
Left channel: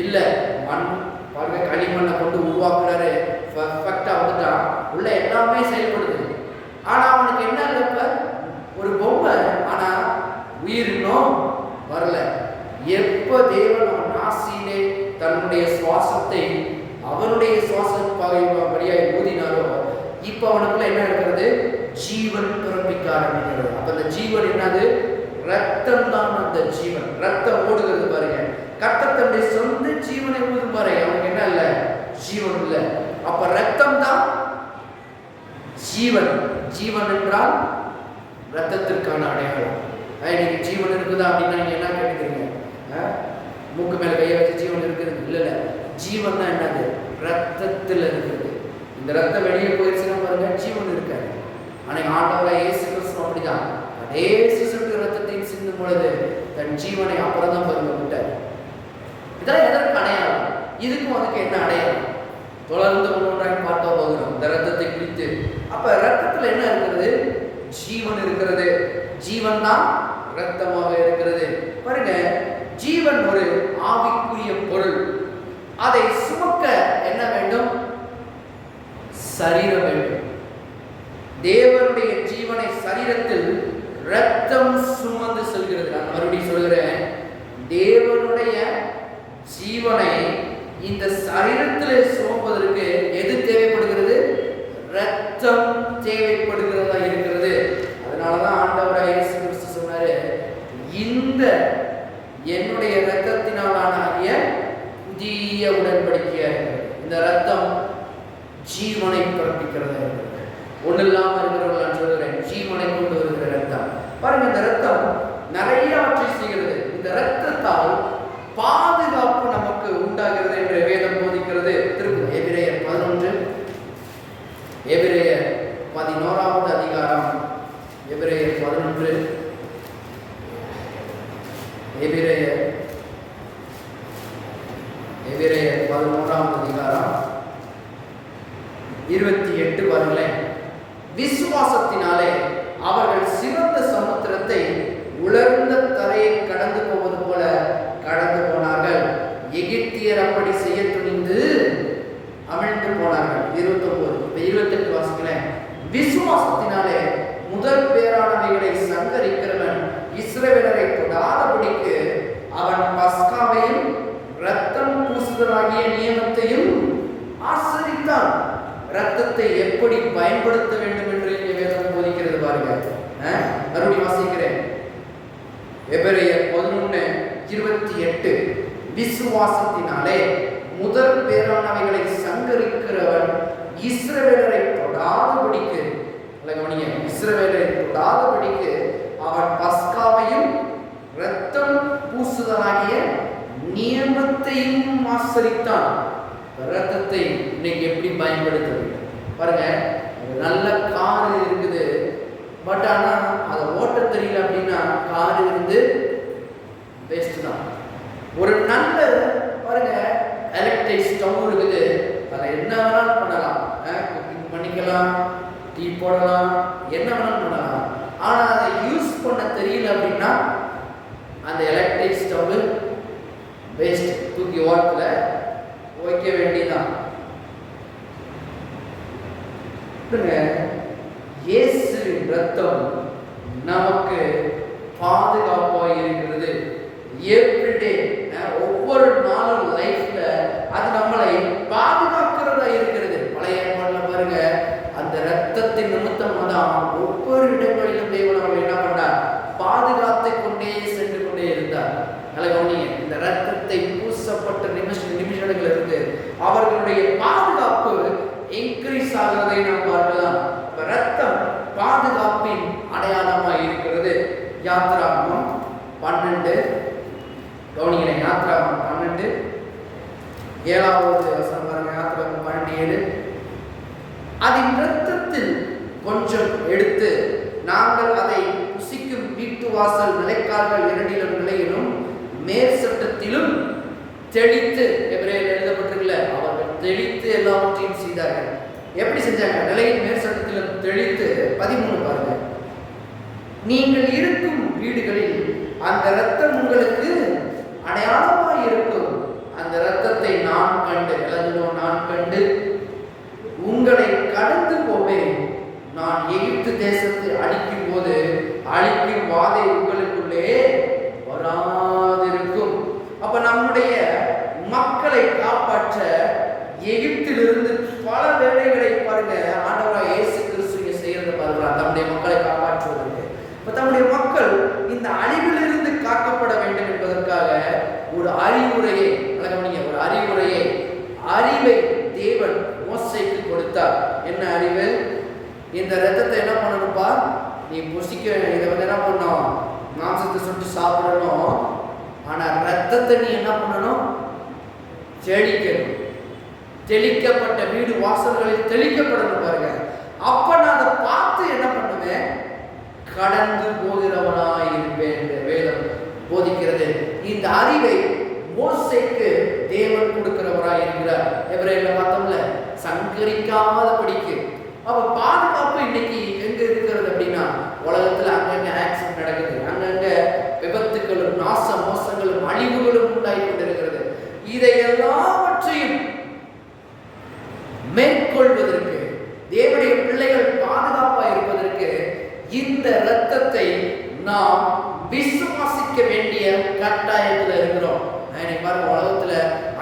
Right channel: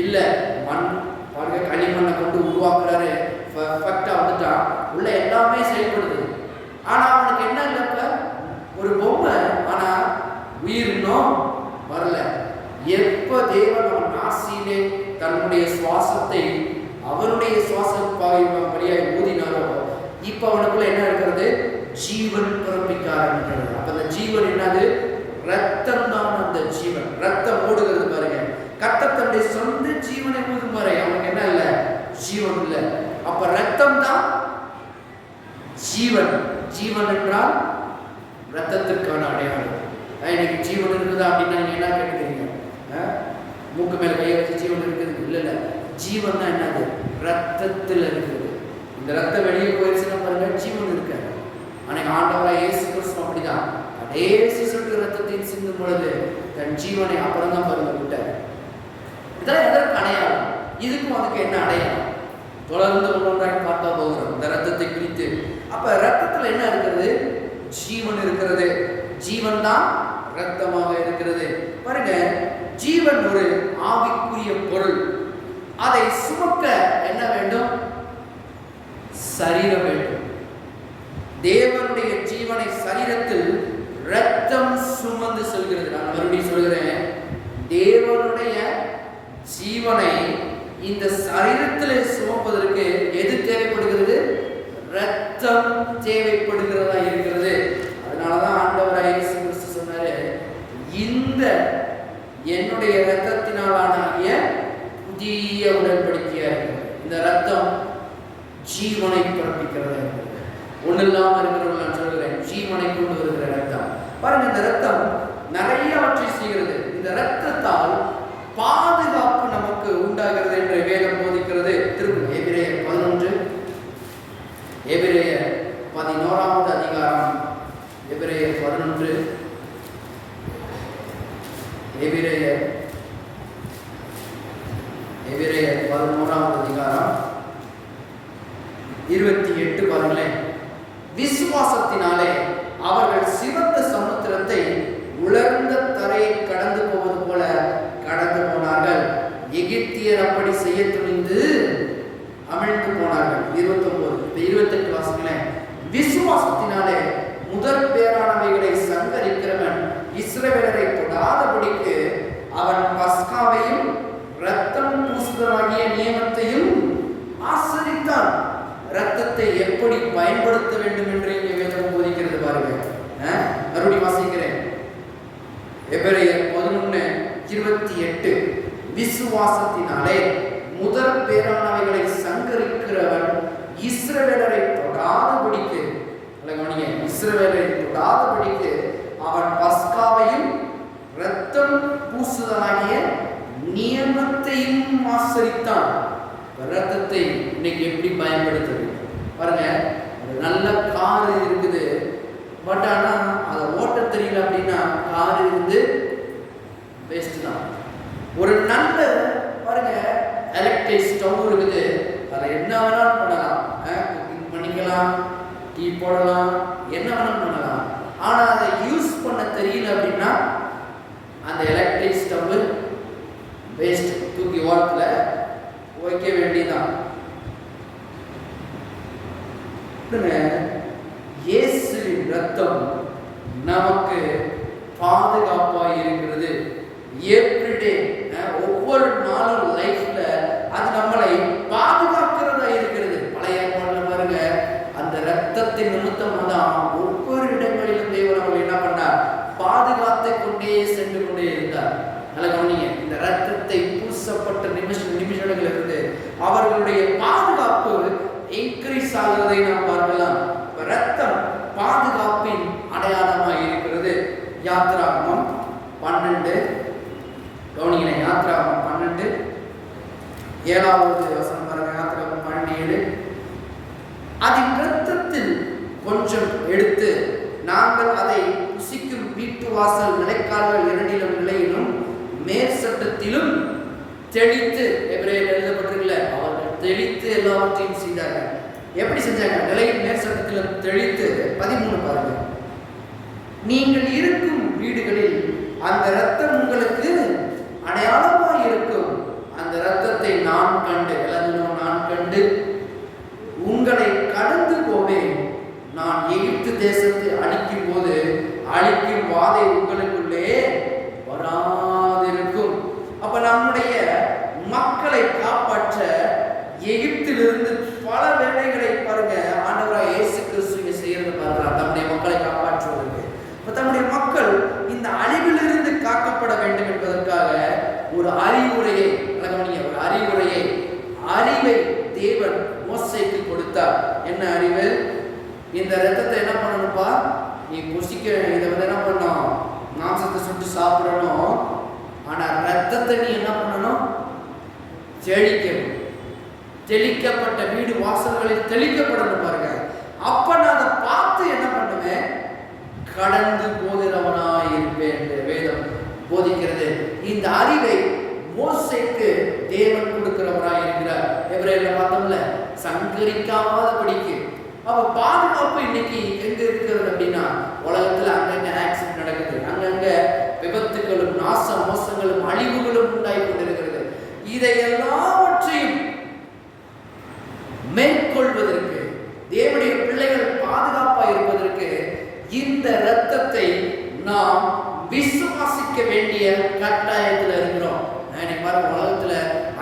இல்லை. மண் பாருங்க, களிமண்ணை கொண்டு உருவாக்குறாரு, பர்ஃபெக்டா வந்துட்டான், உள்ள எல்லாமே செயல்படுது. ஆனா அவனுக்கு என்ன இல்லை, ஒரு பொம்மை, ஆனா உயிர் இன்னும் வரல. எப்ப தேவன் அவன் நாசியிலே தன்னுடைய சுவாசத்தை அவனுடைய சுவாச படியாய் ஊதினாரோ, இப்ப அவனுக்குள்ள என்ன இருக்கிறது, ஜீவன் பிறப்பிக்க ஆரம்பிக்கிறது. அப்ப அந்த ஜீவன் என்னது, ரத்தம் தான். அந்த ஜீவன் ரத்தம் ஓடுகிறது பாருங்க. கர்த்தர் தன்னுடைய சொந்த ஜீவனை ஊதும் வரை அவனுக்கு என்ன இல்லை, ஜீவன் இல்லை. அப்ப ரத்தம் தான் ஜீவன். ஜீவன் என்றால் ரத்தத்திற்கான அடையாளம். இன்னைக்கு ஜீவன் இருக்குதா அப்படின்னா நீங்க என்ன கேட்குறீங்க, மூக்கு மேல கையை வச்சு ஜீவன் இருக்குது? இல்லை இல்லை, ஜீவன் தான் என்னது, ரத்தத்தில் இருக்குது. இந்த ரத்தம் வெளியே போயிடுச்சுன்னா பாருங்க, ஜீவன் இருக்காது. அன்னைக்கு ஆண்டவராக இயேசு கிறிஸ்து அப்படிதான், அதே சிசுக்கு ரத்தத்தையும் சிந்தும் பொழுது தன் ஜீவனை அப்புறம் தான் பாருங்க விட்டார். இதெல்லாம் எதற்கு அடையாளம்? இதுக்கும் அதுக்கு என்ன அடையாளம்? தொடர்ந்து ஒன்றொன்றாக பார்த்தா போகிறோம் இந்த ரத்தத்தை குறித்து. அப்ப ரத்தத்தில் என்ன இருக்கிறது, ஜீவன் இருக்கிறது. ஜீவன் தான் ரத்தமாக இருக்கிறது. பாருங்க, ஜீவன் ஒரு ஆவிக்குரிய பொருள். அதை சுமக்க என்ன வேண்டும், சரீரம் வேண்டும். தேவனுடைய ஜீவனை சரீரத்தில் ரத்தம் சுமந்து செல்கிறது. நான் மறுபடியும் சொல்கிறேன், தேவனுடைய ஜீவனை இந்த சரீரத்தில் சுமப்பதற்கு எது தேவைப்படுகிறது, ரத்தம் தேவைப்படுகிறதா இருக்கிறது. அதனாலதான் ஆண்டவராக இயேசு கிறிஸ்து சொன்னாரு, இந்த என்னுடைய ரத்தத்தினாலான புதிய உடன்படிக்கையா இருக்கிறது. இந்த ரத்தம் ஜீவனை பிறப்பிக்கிறதா இருக்கிறது. ஒண்ணு இல்லாம இருக்கிறவர்கள் நான் சொல்கிறேன், ஜீவனை கொண்டு வருகிற ரத்தம். பாருங்க, இந்த ரத்தம் நிறையவற்றை செய்கிறது. இந்த ரத்தத்தால் பாதுகாப்பு நமக்கு உண்டாகிறது என்று வேதம் போதிக்கிறது. திரும்ப எபிரேயர் 11, எபிரேயர் 11வது அதிகாரம், எபிரேயர் 11, எபிரேயர் 11வது அதிகாரம் 28 பாருங்களேன். விசுவாசத்தினாலே அவர்கள் சிவந்த சமுத்திரத்தை உலர்ந்த தரையை கடந்து போவது போல கடந்து போனார்கள். எகிப்தியர் அப்படி செய்ய துணிந்து அமிழ்ந்து போனார்கள். 29, 28 வாசிக்கிறேன். விசுவாசத்தினாலே முதற் பேரானவைகளை சங்கரிக்கிறவன் இஸ்ரவேலரை தொடாதபடிக்கு அவன் பஸ்காவையும் இரத்தம் பூசுதலாகிய நியமத்தையும் ஆசரித்தான். இரத்தத்தை எப்படி பயன்படுத்த வேண்டும் என்று இங்கே வேதம் போதிக்கிறது பாருங்க. மறுபடியும் வாசிக்கிறேன், எபிரேயர் 11:28. விசுவாசத்தினாலே முதற் பேரானவைகளை சங்கரிக்கிறவன் இஸ்ரவேலரை தொடாதபடிக்கு, இஸ்ரவேலரை தொடாதபடிக்கு அவன் பஸ்காவையும் இரத்தம் பூசுதலாகிய நியமத்தையும் ஆசரித்தான். ரத்தத்தை இன்னைக்கு எப்படி பயன்படுத்துவது பாருங்க. ஒரு நல்ல கார் இருக்குது, பட் ஆனால் அதை ஓட்ட தெரியல அப்படின்னா கார் இருந்து வேஸ்ட் தான். ஒரு நல்ல பாருங்க எலக்ட்ரிக் ஸ்டவ் இருக்குது, அதை என்ன வேணாலும் பண்ணலாம், குக்கிங் பண்ணிக்கலாம், டீ போடலாம், என்ன வேணாலும் பண்ணலாம். ஆனால் அதை யூஸ் பண்ண தெரியல அப்படின்னா அந்த எலக்ட்ரிக் ஸ்டவ் வேஸ்ட், தூக்கி ஓரத்தில் வைக்க வேண்டியதான். இயேசுவின் ரத்தம் நமக்கு பாதுகாப்பாக இருக்கிறது. எவ்ரிடே, ஒவ்வொரு நாளும் லைஃப்ல அது நம்மளை பாதுகாக்கிறதா இருக்கிறது. பழைய ஏற்பாடுல பாருங்க, அந்த ரத்தத்தின் நிமித்தம் தான் ஒவ்வொரு இடங்களிலும் தேவன் அவர்கள் என்ன பண்ணார், பாதுகாத்து கொண்டே சென்று கொண்டே இருந்தார். நல்ல கவனிங்க, இந்த ரத்தத்தை பூசப்பட்ட நிமிஷங்கள் இருந்து அவர்களுடைய பாதுகாப்பு இன்க்ரீஸ் ஆகிறதை நாம் பார்க்கலாம். ரத்தம் பாதுகாப்பின் அடையாளமாக இருக்கிறது. யாத்ராகமம் 12, கவனிக்கிறேன், யாத்ராகமம் 12 7வது வசனம் பாருங்க. யாத்ராகமம் 12:7. அதன் இரத்தத்தில் கொஞ்சம் எடுத்து நாங்கள் அதை புசிக்கும் வீட்டு வாசல் நிலைக்கால்கள் இரண்டிலும் நிலையிலும் மேற் சட்டத்திலும் தெளித்து, எபிரேயரில் எழுதப்பட்டிருக்கல, அவர்கள் தெளித்து எல்லாவற்றையும் செய்தார்கள். எப்படி செஞ்சாங்க? நிலையின் மேற் சட்டத்திலும் தெளித்து. 13 பாருங்க. நீங்கள் இருக்கும் வீடுகளில் அந்த இரத்தம் உங்களுக்கு அடையாளமாய் இருக்கும். அந்த இரத்தத்தை நான் கண்டு, எல்லாரும் நான் கண்டு உங்களை கடந்து போவேன். நான் எகிப்து தேசத்தை அழிக்கும் போது அழிக்கும் வாதை உங்களுக்குள்ளே வராதிருக்கும். அப்ப நம்முடைய மக்களை காப்பாற்ற எகிப்திலிருந்து பல வேலைகளை பாருங்க ஆண்டவராக இயேசு கிறிஸ்து செய்யறத பாருங்க, தம்முடைய மக்களை காப்பாற்றுவதற்கு. இப்ப தம்முடைய மக்கள் இந்த அழிவிலிருந்து காக்கப்பட வேண்டும் என்பதற்காக ஒரு அறிவுரையை, ஒரு அறிவை தேவன் மோசேக்கு கொடுத்தார். என்ன அறிவு? இந்த ரத்தத்தை என்ன பண்ணணும்ப்பா, நீ புசிக்க, இதை என்ன பண்ணணும், மாம்சத்தை சுட்டு சாப்பிடணும். ஆனா ரத்தத்தை நீ என்ன பண்ணணும்? செழிக்கணும். தெளிக்கப்பட்ட வீடு வாசல்களில் தெளிக்கப்படணும் பாருங்க. அப்ப நான் அதை பார்த்து என்ன பண்ணுவேன்? கடந்து போகிறவனாய் இருப்பேன் என்று வேதம் போதிக்கிறது. இந்த அறிவை மோசேக்கு தேவன் கொடுக்கிறவராய் இருக்கிறார். எபிரேயர்ல பார்த்தோம்ல, சங்கரிக்காத படிக்கு. அப்ப பாதுகாப்பு இன்னைக்கு எங்க இருக்கிறது அப்படின்னா, உலகத்துல அங்கங்க ஆக்சிடென்ட் நடக்குது, அங்கங்க விபத்துகளும் நாச மோசங்களும் அழிவுகளும் உண்டாகி கொண்டிருக்கிறது. இதை எல்லாவற்றையும் மேற்கொள்வதற்கு, தேவனுடைய பிள்ளைகள் பாதுகாப்பாக இருப்பதற்கு இந்த இரத்தத்தை நாம் விசுவாசிக்க வேண்டிய கட்டாயத்தில் இருக்கிறோம். பாருங்க, உலகத்துல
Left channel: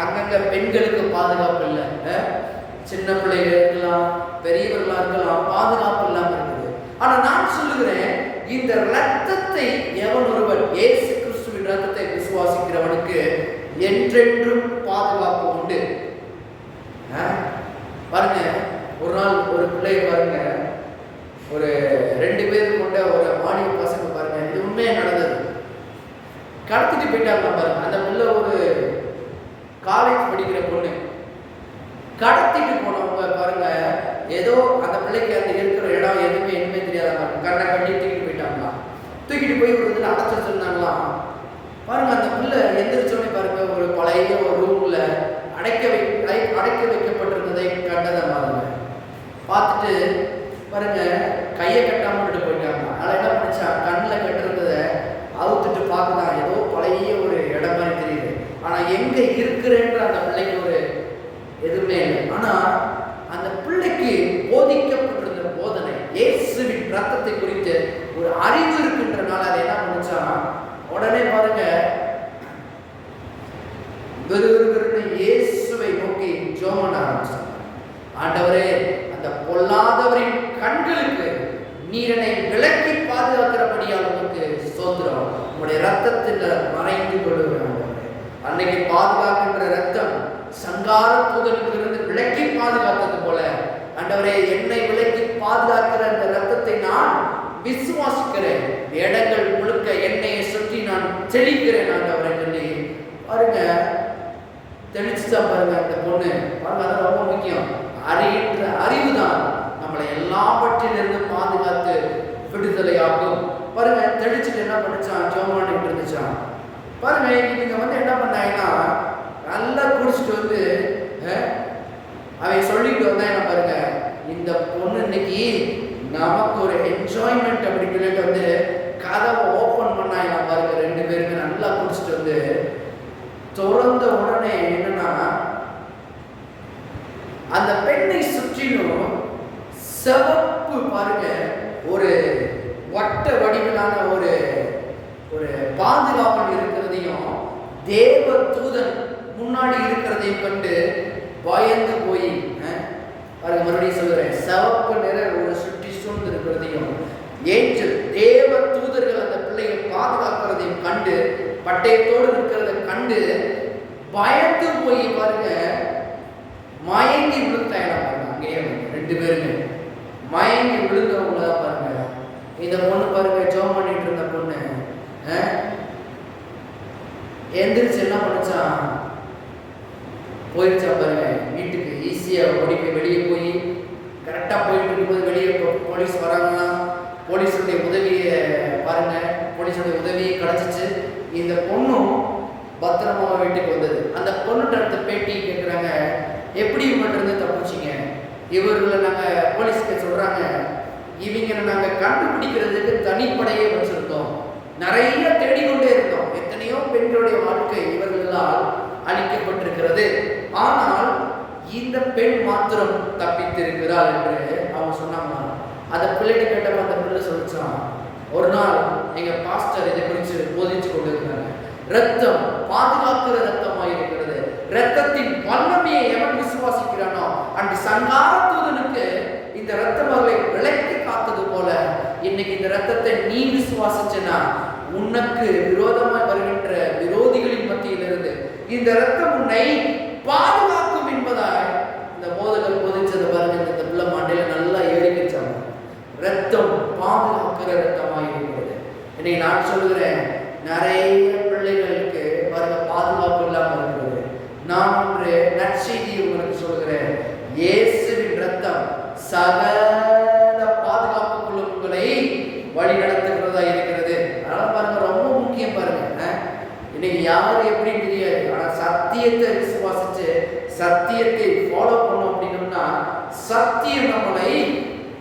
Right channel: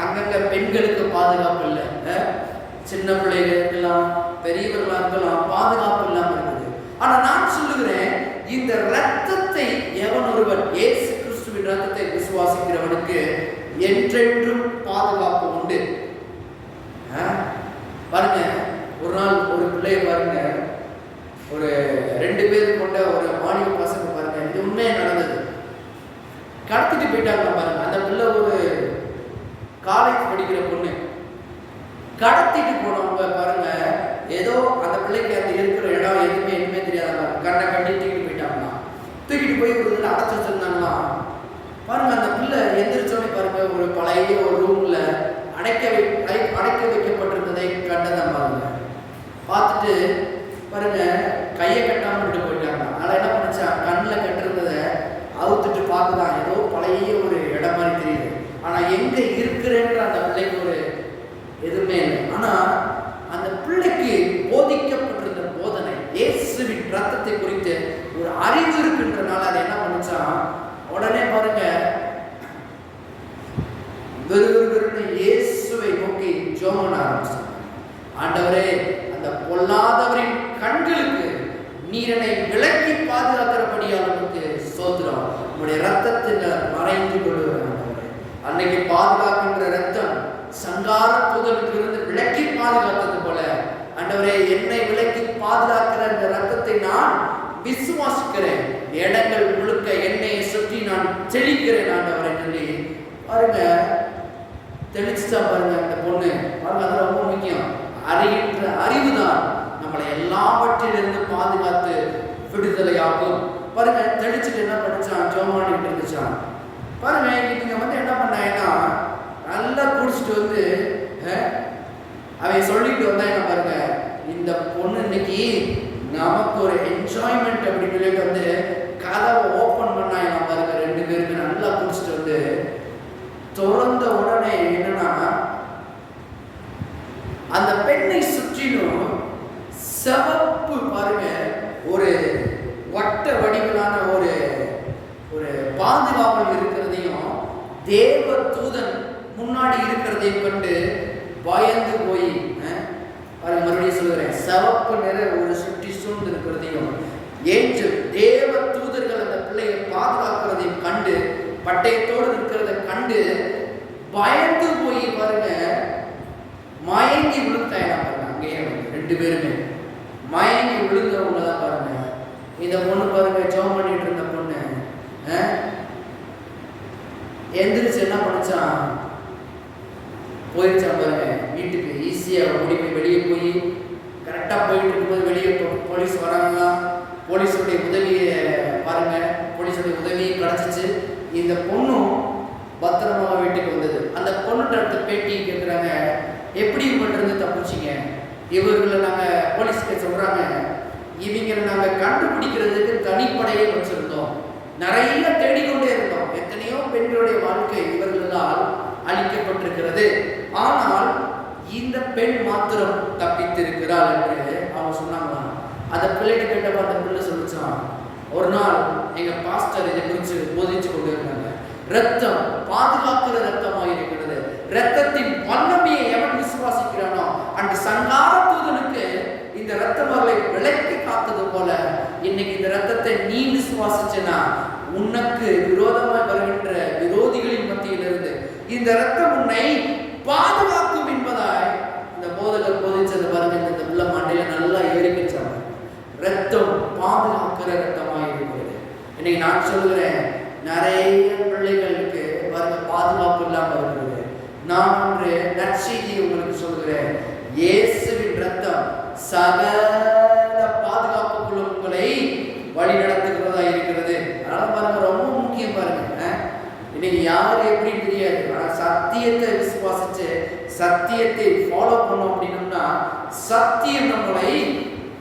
அங்கங்க பெண்களுக்கு பாதுகாப்பு இல்லை, சின்ன பிள்ளைகள் இருக்கலாம், பெரியவர்களா இருக்கலாம், பாதுகாப்பு இல்லாம இருக்குது. ஆனா நான் சொல்லுகிறேன், இந்த இரத்தத்தை எவன் ஒருவன் இயேசு கிறிஸ்துவின் இரத்தத்தை விசுவாசிக்கிறவனுக்கு என்றென்றும் பாதுகாப்பு உண்டு. பாருங்க, ஒரு நாள் ஒரு பிள்ளை பாருங்க, ஒரு 2 பேர் கொண்ட ஒரு மாணவ பசங்க பாருங்க, இது உண்மையா நடந்தது, கடத்திட்டு போயிட்டாங்க பாருங்க. அந்த பிள்ளை ஒரு காலேஜ் படிக்கிற பொண்ணு. கடத்திட்டு போனவங்க பாருங்க, ஏதோ அந்த பிள்ளைக்கு அந்த இருக்கிற இடம் எதுவுமே தெரியாத மாதிரி கண்ணை கட்டி தூக்கிட்டு போயிட்டாங்களாம். தூக்கிட்டு போய் ஒரு இதில் அடைச்சி வச்சிருந்தாங்களாம். பாருங்க, அந்த பிள்ளை எந்திரிச்சோன்னே பாருங்க, ஒரு பழைய ஒரு ரூம்ல அடைக்க வைக்கப்பட்டிருந்ததை கண்டதை பாருங்க. பார்த்துட்டு பாருங்க, கையை கட்டாம விட்டு போயிட்டாங்க. அதனால என்ன பண்ணிச்சா, கண்ணில் கட்டிருந்ததை அவுத்துட்டு பார்க்குதான், ஏதோ பழைய ஒரு இடம் மாதிரி தெரியுது. ஆனா எங்க இருக்கிறேன்ற அந்த பிள்ளைக்கு ஒரு எதுவுமே இல்லை. ஆனா அந்த பிள்ளைக்கு போதிக்கப்பட்டிருந்த போதனை, இயேசுவின் ரத்தத்தை குறித்து ஒரு அறிவு இருக்கின்றனால அதை என்ன பண்ணிச்சா, உடனே பாருங்க வெறுன்னு இயேசுவை நோக்கி ஜெபம் பண்ண ஆரம்பிச்சாங்க. ஆண்டவரே, அந்த பொல்லாதவரின் கண்களுக்கு நீரனை விலக்கி பாதுகாக்கிறபடியால் உனக்கு ஸ்தோத்திரம். உங்களுடைய ரத்தத்தில் மறைந்து கொள்ளுவேன் ஆண்டவரே. அன்னைக்கு பாதுகாக்கின்ற ரத்தம் சங்கார தூதனுக்கு இருந்து விலக்கி பாதுகாத்தது போல, ஆண்டவரே, என்னை விலக்கி பாதுகாக்கிற அந்த ரத்தத்தை நான் விசுவாசிக்கிறேன். இடங்கள் முழுக்க எண்ணெயை சுற்றி நான் தெளிக்கிறேன் ஆண்டவரை சொல்லி பாருங்க, தெளிச்சுதான் பாருங்க அந்த பொண்ணு. பாருங்க, அது ரொம்ப முக்கியம். அறிகின்ற அறிவு தான் நம்மளை எல்லாவற்றிலிருந்து பாதுகாத்து விடுதலை ஆகும். பாருங்க, தெளிச்சுட்டு என்ன படிச்சான், ஜோமான் இருந்துச்சான். பாருங்க, இவங்க என்ன பண்ணாங்கன்னா, நல்லா குடிச்சிட்டு அவன் சொல்லிட்டு வந்தா என்ன பாருங்க, இந்த பொண்ணு இன்னைக்கு நமக்கு ஒரு என்ஜாய்மெண்ட் அப்படின்னு சொல்லிட்டு கதவை ஓப்பன் பண்ணாங்க பாருங்க. 2 பேருமே நல்லா குடிச்சிட்டு திறந்த உடனே என்னன்னா, அந்த பெண்ணை சுற்றிலும் சிவப்பு பாருங்க, ஒரு வட்ட வடிவிலான ஒரு ஒரு பாதுகாவல் இருக்கிறதையும் தேவ தூதன் முன்னாடி இருக்கிறதையும் கண்டு பயந்து போய் பாருங்க, மறுபடியும் சொல்கிறேன், சிவப்பு நிற ஒரு சுற்றி சூழ்ந்து இருக்கிறதையும் ஏஞ்சல் தேவ தூதர்கள் அந்த பிள்ளையை பாதுகாக்கிறதையும் கண்டு, பட்டயத்தோடு இருக்கிறத கண்டு பயந்து போய் பாருங்க மயங்கி விழுந்தாங்க. அங்கேயே 2 பேருமே மயங்கி விழுந்தவங்க தான் பாருங்க. இந்த பொண்ணு பாருங்க, ஜெபம் பண்ணிட்டு இருந்த பொண்ணு எந்திரிச்சு என்ன பண்ணிச்சான், போயிடுச்சா பாருங்க வீட்டுக்கு. ஈஸியா ஓடி போய் வெளியே போய் கரெக்டா போயிட்டு இருக்கும்போது வெளியே போலீஸ் வராங்களாம். போலீஸுடைய உதவியை பாருங்க, போலீஸோடைய உதவி கிடைச்சிச்சு. இந்த பொண்ணும் பத்திரமா வீட்டுக்கு வந்தது. அந்த பொண்ணுட்ட அடுத்த பேட்டி கேட்குறாங்க, எப்படி இவங்கள்ட்ட இருந்து தப்பிச்சிங்க? இவர்களை நாங்கள் போலீஸ்க்கு சொல்கிறாங்க, இவங்களை நாங்கள் கண்டுபிடிக்கிறதுக்கு தனிப்படையே வச்சுருந்தோம், நிறைய தேடிக்கொண்டே இருந்தோம். எத்தனையோ பெண்களுடைய வாழ்க்கை இவர்களால் அளிக்கப்பட்டிருக்கிறது, ஆனால் இந்த பெண் மாத்திரம் தப்பித்திருக்கிறாள் என்று அவங்க சொன்னாங்க. அந்த பிள்ளைகிட்ட கேட்டப்ப அந்த பிள்ளை சொல்லிச்சான், ஒரு நாள் எங்க பாஸ்டர் இதை குறித்து போதிச்சு கொண்டு இருந்தாங்க. ரத்தம் பாதுகாக்கிற ரத்தமாக இருக்கிறது. ரத்தத்தின் வல்லமையை எவன் விசுவாசிக்கிறானோ அன்று சங்கார தூதனுக்கு இந்த ரத்தம் அவர்களை விலைக்கு காத்தது போல இன்னைக்கு இந்த ரத்தத்தை நீ விசுவாசிச்சனா உனக்கு விரோதமாய் வருகின்ற விரோதிகளின் மத்தியிலிருந்து இந்த ரத்தம் உன்னை பாதுகாக்கும் என்பதாய் இந்த போதகர் போதிச்சது பாருங்க. இந்த பிள்ளை மாண்டையில நல்லா ஏறிக்கிச்சாங்க. ரத்தம் பாதுகாக்கிற ரத்தமாக இருக்கிறது. இன்னைக்கு நான் சொல்லுகிறேன், நிறைய பிள்ளைகளுக்கு பாருங்க பாதுகாப்பு இல்லாமல் இருக்கிறது. நான் ஒன்று நற்செய்தி உங்களுக்கு சொல்லுகிறேன், இயேசுவின் ரத்தம் சகல பாதுகாப்புக்குள்ள உங்களை வழி நடத்துகிறதா இருக்கிறது. அதனால பாருங்க ரொம்ப முக்கியம் பாருங்க. இன்னைக்கு யாரு எப்படி தெரியாது, ஆனா சத்தியத்தை விசுவாசிச்சு சத்தியத்தை ஃபாலோ பண்ணோம் அப்படின்னோம்னா சத்தியம் நம்மளை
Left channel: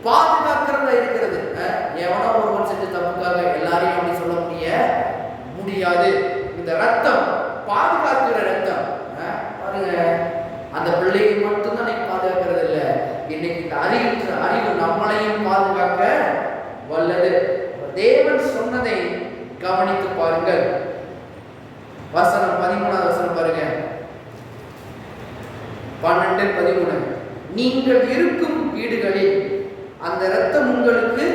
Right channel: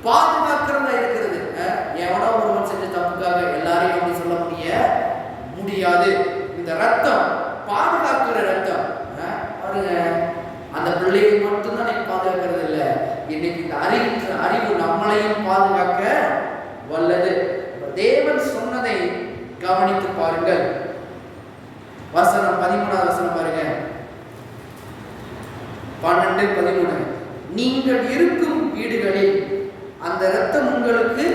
பாதுகாக்கிறதா இருக்கிறது. எவனோ ஒருவன் செஞ்ச தப்புக்காக எல்லாரையும் அப்படி சொல்ல முடியாது. இந்த ரத்தம் பாதுகாக்கிற ரத்தம் பாருங்க. அந்த பிள்ளையை மட்டும்தான் இன்னைக்கு பாதுகாக்கிறது இல்லை, இன்னைக்கு இந்த அறிவு நம்மளையும் பாதுகாக்க வல்லது. தேவன் சொன்னதை கவனித்து பாருங்கள். வசனம் 13வது வசனம் பாருங்க, 12-13. நீங்கள் இருக்கும் வீடுகளில் அந்த இரத்தம் உங்களுக்கு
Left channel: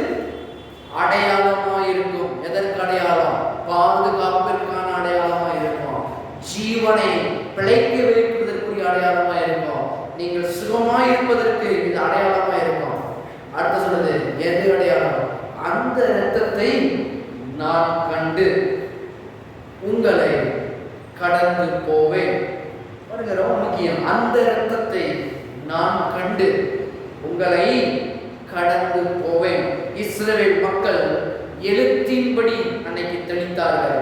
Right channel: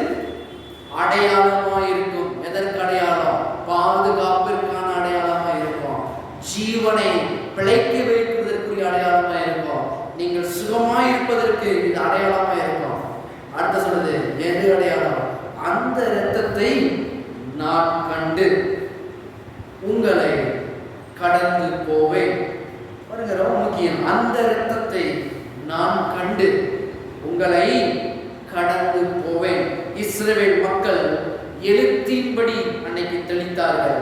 அடையாளமாய் இருக்கும். எதற்கு அடையாளம்? பாதுகாப்பிற்கான அடையாளமாய் இருக்கும். ஜீவனை பிழைக்க வைப்பதற்குரிய அடையாளமாய் இருக்கும். நீங்கள் சுகமாய் இருப்பதற்கு இது அடையாளமாய் இருக்கும். அடுத்த சொல்றது எது அடையாளம்? அந்த இரத்தத்தை நான் கண்டு உங்களை கடந்து போவேன். பாருங்க ரொம்ப முக்கியம். அந்த இரத்தத்தை நான் கண்டு உங்களை கடந்து போவேன். இஸ்ரவேல் மக்கள் எழுத்தின்படி அன்னைக்கு தெளித்தார்கள்.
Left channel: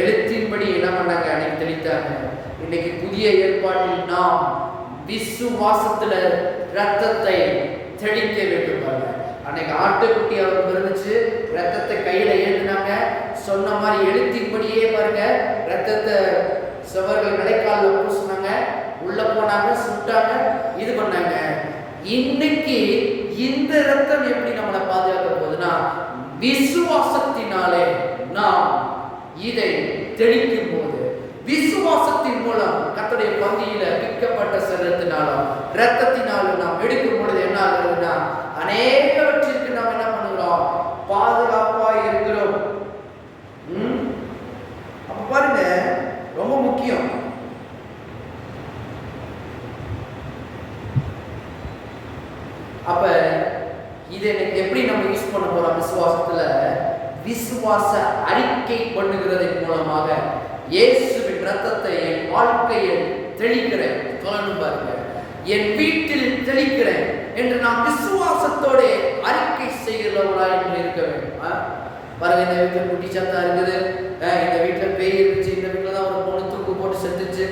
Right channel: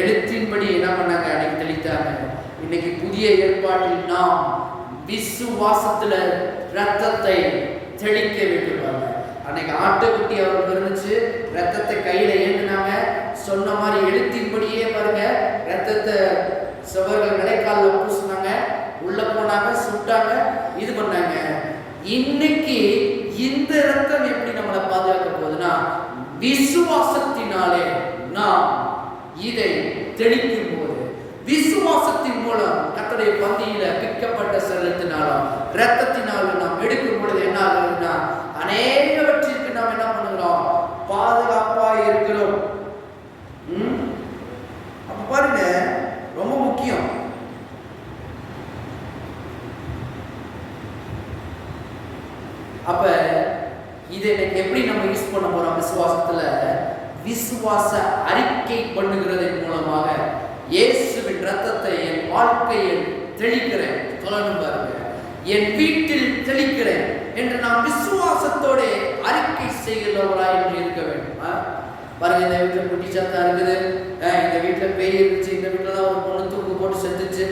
எழுத்தின்படி என்ன பண்ணாங்க? அன்னைக்கு தெளித்தாங்க. இன்னைக்கு புதிய ஏற்பாட்டில் நாம் விசுவாசத்துல ரத்தத்தை தெளிக்க வேண்டும். அன்னைக்கு ஆட்டுக்குட்டி அவர் பிறந்துச்சு, ரத்தத்தை கையில ஏந்தினாங்க. சொன்ன மாதிரி எழுத்தின்படியே பாருங்க ரத்தத்தை சுவர்கள் நிலைக்காலில் பூசினாங்க, உள்ள போனாங்க, சுட்டாங்க, இது பண்ணாங்க. இன்னைக்கு இந்த ரத்தம் எப்படி நம்மளை பாதுகாக்க போகுதுன்னா விசுவாசத்தினாலே நாம் இதை தெளிக்கும் போது, விசுவாசத்தின் மூலம் கர்த்தருடைய பந்தியில பிக்கப்பட்ட சரீரத்தினாலும் ரத்தத்தினாலும் நாம் எடுக்கும் பொழுது என்ன ஆகுதுன்னா அநேகவற்றிற்கு நாம் என்ன பண்ணுகிறோம்? பாதுகாப்பாக இருக்கிறோம். அப்ப பாருங்க ரொம்ப முக்கியம். அப்ப இதை எப்படி நம்ம யூஸ் பண்ண போறோம்? விசுவாசத்துல விசுவாச அறிக்கை பண்ணுகிறதன் மூலமாக இயேசுவின் ரத்தத்தை என் வாழ்க்கையில் தெளிக்கிறேன். சொல்லணும் பாருங்க, என் வீட்டில் தெளிக்கிறேன் என்று நாம் விசுவாசத்தோட அறிக்கை செய்கிறவர்களாய் என்று இருக்க வேண்டும். பாருங்க, இந்த வீட்டில் குட்டி சத்தா இருக்குது, இந்த வீட்டில் பேய் இருந்துச்சு, இந்த வீட்டில் தான் ஒரு பொண்ணு தூக்கு போட்டு செத்துச்சு,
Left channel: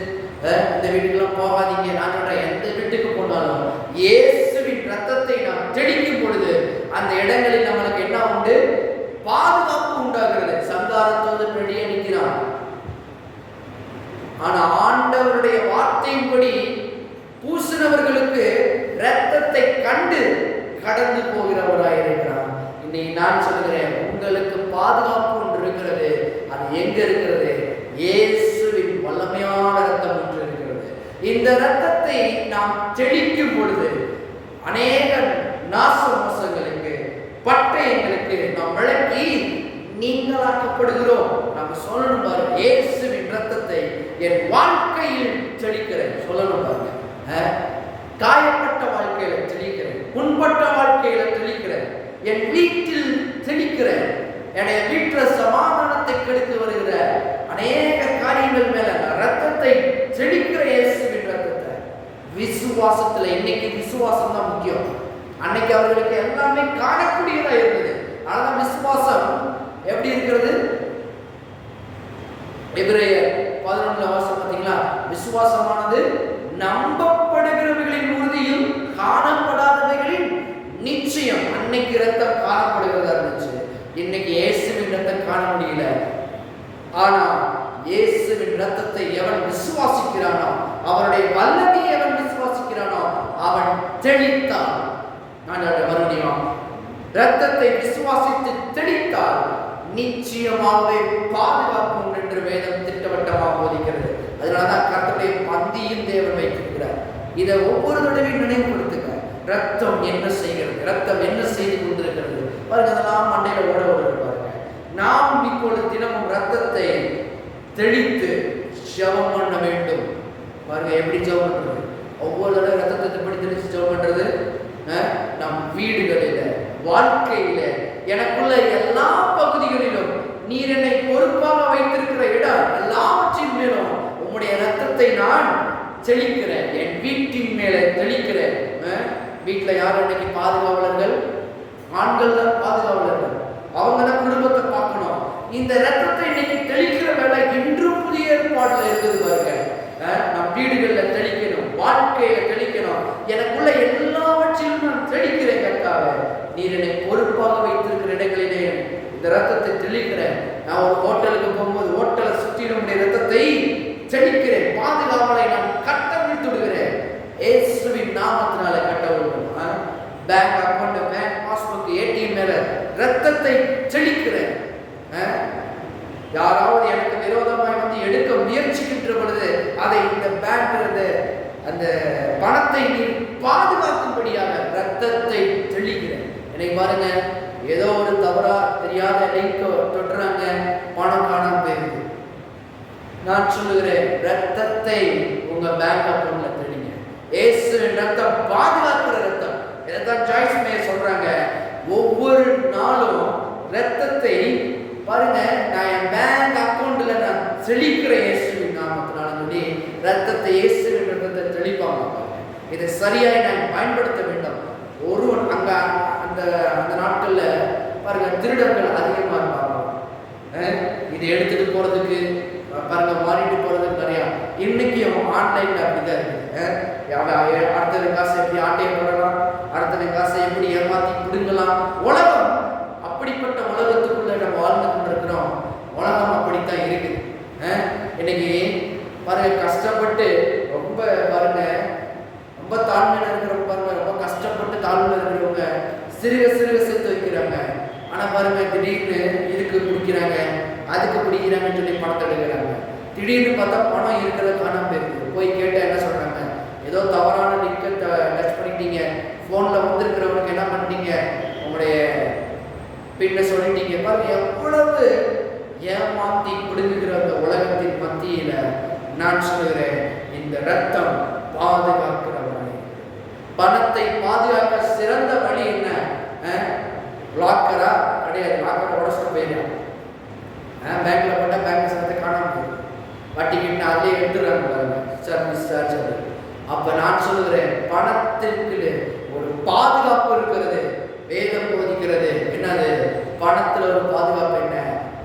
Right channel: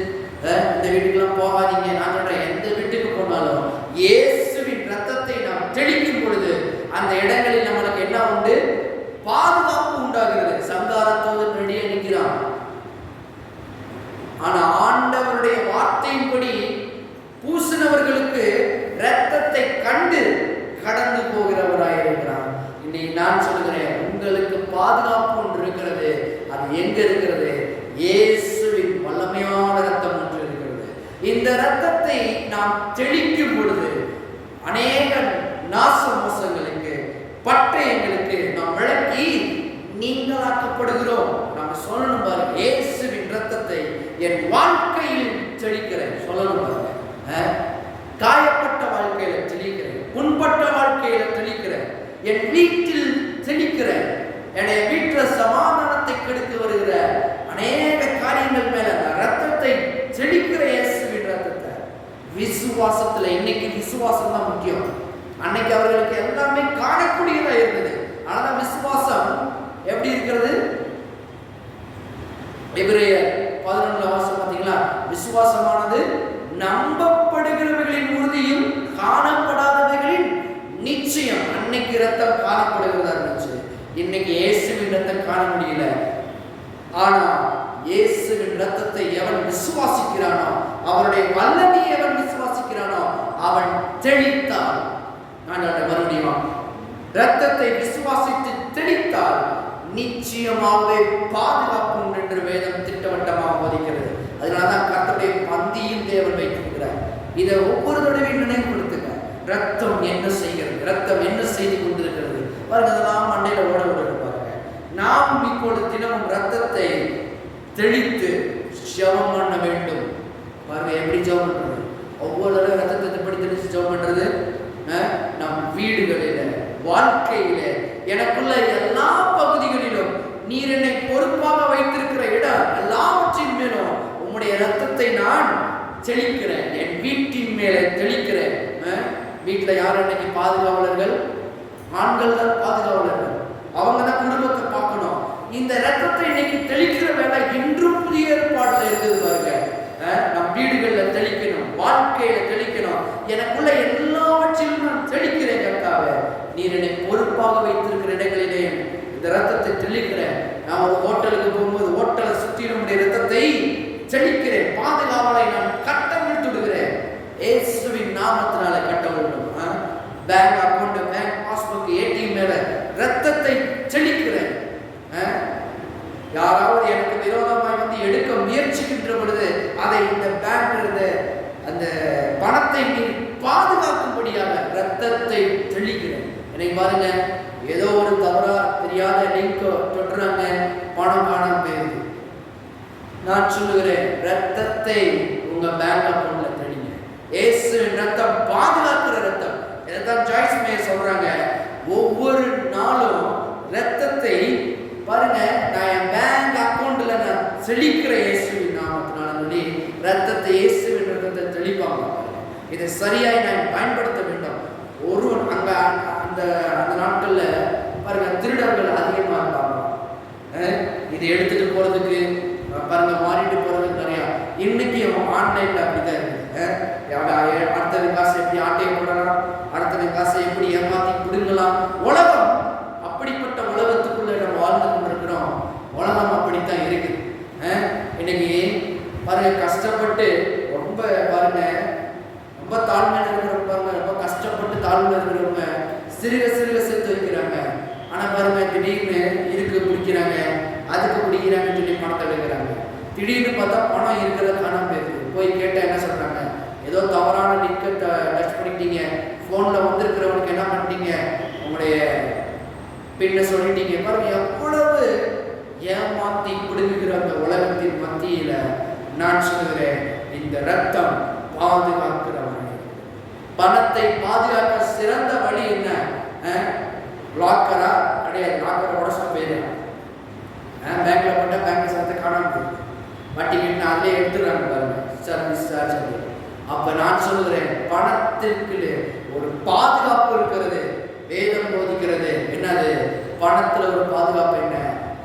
இந்த வீட்டுக்கெல்லாம் போகாதீங்க. நான் சொல்றேன், எந்த வீட்டுக்கு போனாலும் இயேசுவின் ரத்தத்தை நாம் தெளிக்கும் பொழுது அந்த இடங்களில் நம்மளுக்கு என்ன உண்டு? பாதுகாப்பு உண்டாகிறது. சங்காரத்தோடு ரெடியா நிற்கிறான். ஆனா ஆண்டவருடைய வார்த்தையின்படி பூசினவர்களுக்கு இரத்தத்தை கண்டு கடந்து போகிறவராய் இருக்கிறார். இன்னைக்கு நான் சொல்கிறேன், உங்களுக்கு பாதுகாப்பு ஒன்று இருக்கிறது. அது எங்க இருக்கிறது? இயேசுவின் வல்லமையான ரத்தம் ஒன்று இருக்கிறது. இந்த ரத்தத்தை நாம் தெளிக்கும் பொழுது அநேக நாச மோசங்களுக்கு, பட்டயங்களுக்கு நாம் விளக்கி நீங்களாக்கப்படுகிறோம். நம்ம சொல்லணும் பாருங்க, இயேசுவின் ரத்தத்தை என் வாழ்க்கையில் தெளிக்கிறேன். சொல்லணும் பாருங்க, காயப்பட்ட வாழ்க்கையில தெளிக்கிறேன், புண்பட்ட வாழ்க்கையில தெளிக்கிறேன், என் வீட்டில் தெளிக்கிறேன். என்னுடைய வீட்டில் சமாதானத்தை கெடுத்து வருகிற அநேக காரியங்கள் மேல ரத்தத்தை தெளிக்கிற இயேசுவின் ரத்தத்தை விசுவாசத்துல. இன்னைக்கு விசுவாசம் தான் முக்கியம். அன்னைக்கு அவர்களுக்கு எல்லாமே காணக்கூடியதா இருந்தது. அதனால விசுவாசம் எப்படி இருக்கிறது? எபிரேயர் 11 வருஷம் பார்த்தீங்களா? விசுவாசமானது நம்பப்படுகிறவைகளின் உறுதியும் காணப்படாதவைகளின் நிச்சயம். அன்னைக்கு ரத்தம் காணப்படுகிறதா இருந்துச்சு, இன்னைக்கு இயேசுவின் ரத்தம் காண முடியல. ஆனா இயேசுவின் ரத்தத்தை எவன் விசுவாசிக்கிறானோ, அவருடைய வல்லமையை எவன் விசுவாசிக்கிறானோ அவன் தெளித்தான். நான் மறுபடியும் ரத்தத்தை விசுவாசித்து தெளித்தால் நிச்சயமாகவே பாதுகாக்கும் என்று வேதம் திட்டவட்டமாக போதிக்கிறது. அதனாலதான் கர்த்தருடைய பந்தியும் தேவன் வைத்திருக்கிறார். இதை ஒவ்வொரு தடவையும் நினைவுபடுத்துங்க. ரத்தம் என்ன செய்கிறது, ரத்தம் என்ன செய்து கொண்டிருக்கிறது பாருங்க. அதெல்லாம் மண்டையில ஓட பாருங்க. நாம் இப்பொழுது தினமும் ரத்தத்தை தெளித்து ஜெபம் பண்ண வேண்டும். பாருங்க எப்படி ஜெபம் பண்றது. ஒவ்வொரு தடவை ரத்தத்தை எப்படி தெளித்து ஜெபம் பண்றது? நம் வீடுகளில, வாழ்க்கையில, எனக்குள்ள எல்லா பகுதிகளிலும் நீர் என்னை பொறுப்பாக வைத்திருக்கிற இடம் எல்லாவற்றின் மேலும் உம்முடைய ரத்தத்தை நான் தெளிக்கிறேன். என் வீட்டின் மேல தெளிக்கிறேன். வீட்டுல யார் அன்னைக்கு பாதுகாவலர்கள்? ஆண்கள் தான் பாதுகாவலர்கள். அவங்க தான் குடும்பத்தை பார்க்கணும். இந்த ரத்தத்தை இன்னைக்கு தெளிக்கிற வேலை இன்றும் புதிய ஏற்பாடுல இருக்குது பாருங்க. நம் வீடுகள்ல தெளிக்கணும், வாழ்க்கையில தெளிக்கணும். எனக்குள்ள எல்லாவற்றிலும் நான் தெளிக்கிறேன் கர்த்தாவே. நீர் என்னை பொறுப்பாக வைத்திருக்கிற இடங்களிலே இந்த ரத்தத்தை தெளிக்கிறேன். நான் ஒரு ஹோட்டலுக்கு போகும்போது ஹோட்டலை சுற்றி நம்முடைய ரத்தத்தை தெளிக்கிறேன். பாதுகாவலை நான் கட்டவிழ்த்துடுகிறேன். இயேசுவின் நாமத்தினால கட்டவிழ்த்தும். Bank account, bank passbook, ATM மேல ரத்தத்தை தெளிக்கிறேன். யாராவது எனக்கு விரோதமாய் வந்து எடுக்க முயற்சிக்கின்ற பொழுது அதை இந்த பேங்க் அந்த பணத்தை நீர் பாதுகாக்கும்படியாக ரத்தத்தை தெளிக்கிறேன். எனக்கு பாருங்க, ஏதோ ஒரு தவறா தெரியாத லிங்க் தொட்டுறாங்க, பணம் காணாம போயிருக்கு. நான் சொல்லுகிறேன், ரத்தத்தை உங்க பேங்க் அக்கௌண்ட்ல தெளிங்க. இயேசுவின் ரத்தம் பாதுகாக்கிற ரத்தம். இதைத்தான் ஜாய்ஸ் மேயர் சொல்றாங்க. ஒவ்வொரு நாளும் ரத்தத்தை பாருங்க, நான் என் பேங்க் அக்கௌண்ட்ல நான் தெளிக்கிற இயேசுவின் நாமத்தினால சொல்லி ரத்தத்தை, இயேசுவின் ரத்தத்தை தெளிப்பாங்க. இதை சரியாய் நான் பயன்படுத்த வேண்டும். ஒருவன் அங்க அந்த நாட்கள்ல பாருங்க திருடர்கள் அதிகமா இருப்பாங்க. இதை எடுத்துட்டு போறதுக்கு பாருங்க, மாறிட்டு போறதுக்கு நிறையா. இன்னைக்கும் ஆன்லைன்ல அப்படிதான் இருக்குது. அடுத்தது காசை எப்படி ஆட்டையை போடலாம், அடுத்தது காசை எப்படி ஏமாத்தி பிடுங்கலாம். உலகம் அப்படிப்பட்ட உலகத்துக்குள்ள நம்ம வாழ்ந்து கொண்டிருக்கிறோம். உலகம் அப்படித்தான் இருக்குது. இன்னைக்கு பாருங்க, கஷ்டப்பட்டு ரொம்ப பாருங்க, ரொம்ப தாழ்மையில இருக்கிறவங்க பாருங்க, ரொம்ப கஷ்டப்பட்டு தாழ்மையில இருக்கிறவங்க சிறுக சிறுக சேர்த்து வைக்கிறாங்க. ஆனா பாருங்க, திடீர்னு இதுக்கு பிடிக்கிறாங்க, அதுக்கு பிடிக்கிறாங்கன்னு சொல்லி பணத்தை எடுக்கிறாங்க. திடீர்னு பார்த்தா பணம் இருக்கிறத காணாம போயிருக்கு. போய் கேட்டால் என்ன சொல்றாங்க? ஏதோ தவறான லிங்கை டச் பண்ணிட்டீங்க, ஃபோனில் வந்திருக்கிறவனுக்கு என்ன பண்ணிட்டீங்க, உங்களுடைய பின்ன சொல்லிட்டீங்க. பாருங்க, எவ்வளவு ஏமாத்தி பிடுங்குகிற அந்த உலகத்தின் மத்தியில நான் சொல்லுகிறேன், இந்த ரத்தம் பாதுகாக்கிற வழி. பணத்தை பாதுகாக்க சிறந்த வழி என்ன? லாக்கரா கிடையாது. லாக்கரை உடச்ச போயிடும். பேங்க்ல போட்டா பேங்க் சரத்தை காணாம போயிடும். வட்டி கிட்ட அதிலே எடுத்துடுறாங்க பாருங்க, சர்வீஸ் சார்ஜ். அப்ப நான் சொல்லுகிறேன், பணத்திற்கு ஒரு பாதுகாப்பு இருக்கிறது. வேதம் போதிக்கிறது என்னது? பணத்துல ஒரு பாதுகாப்பு என்ன?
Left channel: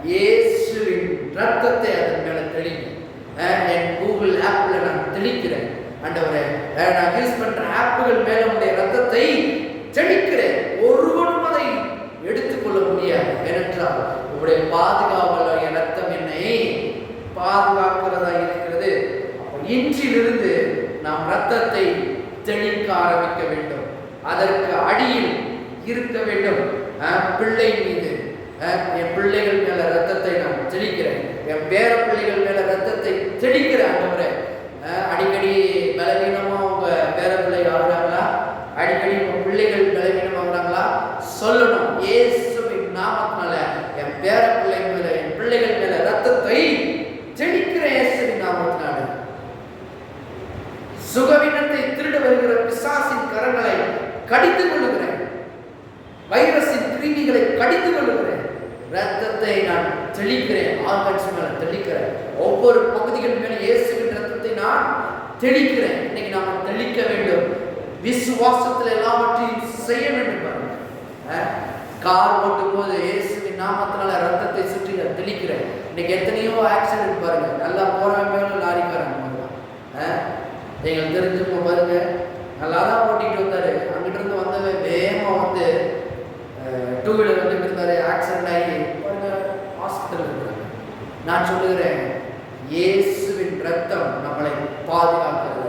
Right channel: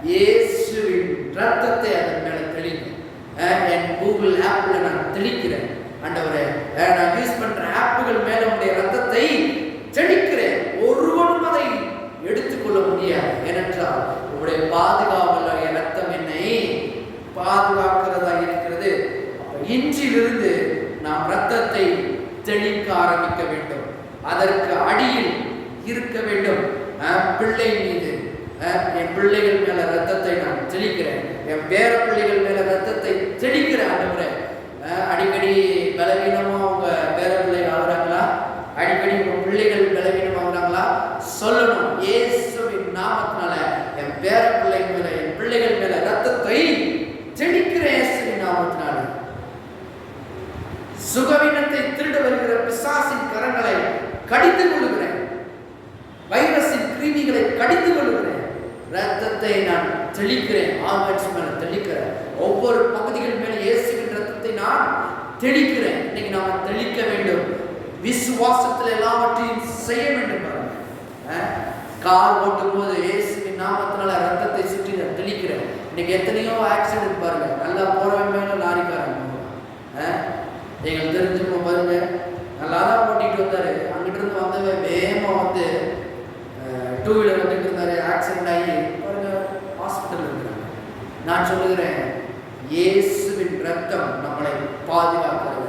இயேசுவின் ரத்தத்தை அதன் மேல தெளிங்க. என் கூகுள் ஆப்ல நான் தெளிக்கிறேன். ஆண்டவரே, நான் யூஸ் பண்ற ஆப்புகள் மேல உடைய ரத்தத்தை தெளிக்கிறேன். ஒருவனும் அதை எடுத்துக்கொள்ள முடியாது. ஏனென்றால் உங்களுடைய பாதுகாவல என் ரத்தம் என்னை பாதுகாக்கிறதா இருக்கிறது. அப்ப இன்றிலிருந்து நாம் ரத்தத்தை தெளிக்க ஆரம்பிக்க வேண்டும். அதற்கு அடியில் இருக்க வேண்டும் பிள்ளை மீது. என் பிள்ளைகள் மேல ரத்தத்தை நான் தெளிக்கிறேன். என் பேர பிள்ளைகள் மேல ரத்தத்தை தெளிக்கிறேன். ஆண்டவரே, அடிக்கடி பலவீனமா உங்க பேர பிள்ளை ஆகுறாங்களா? அடிக்கடி உங்க பிள்ளைகள் பலவீனம் ஆகுறாங்களா? சொல்லணும். இயேசுவின் நாமத்தினால என் பேர பிள்ளை மேல, என் பிள்ளைகள் மேல ரத்தத்தை தெளிக்கிற இயேசுவின் நாமத்தினால. சுகவீனத்தை திருட வருகிற பிசாசின் கரங்களை கடித்து கொள்ளுகிறேன். வைரஸின் கிருமிகளை கடித்து கொள்ளுகிறேன். ரத்தத்தை நான் தெளிக்கிறேன். ஆர்கன்ஸ் மேல தெளிக்கிறேன். ஒவ்வொரு பகுதிகள் மேல இயேசுவின் ரத்தத்தை நான் தெளிக்கிறேன். இன்னைக்கு நாம தெளிக்க வேண்டும். விசுவாசத்தில் எல்லாவற்றையும் செய்ய வேண்டும். பாருங்க, கார் ஓட்டும் போது இயேசுவின் நாமத்தினால ரத்தத்தை சுற்றி தெளிக்கிறேன். இன்னைக்கு எத்தனையோ ஆக்சிடென்ட் பாருங்க, நல்லா போறவங்க லாரிக்காரங்க எங்களுக்கு தெரிஞ்சுக்கோ பாருங்க, நல்லா தான் ஓட்டிகிட்டு வந்தாரு, அங்கிட்ட இருந்து வந்தவே வேகமா வந்து 2 வீலர் வந்துட்டு இருந்தாரு, ஆக்சிடென்ட் ஆகி பாருங்க ஹாஸ்பிட்டல் இருக்கிறாங்க. நான் சொல்லுகிறேன், இயேசுவின் ரத்தம் நம்மளை பாதுகாக்கிறது.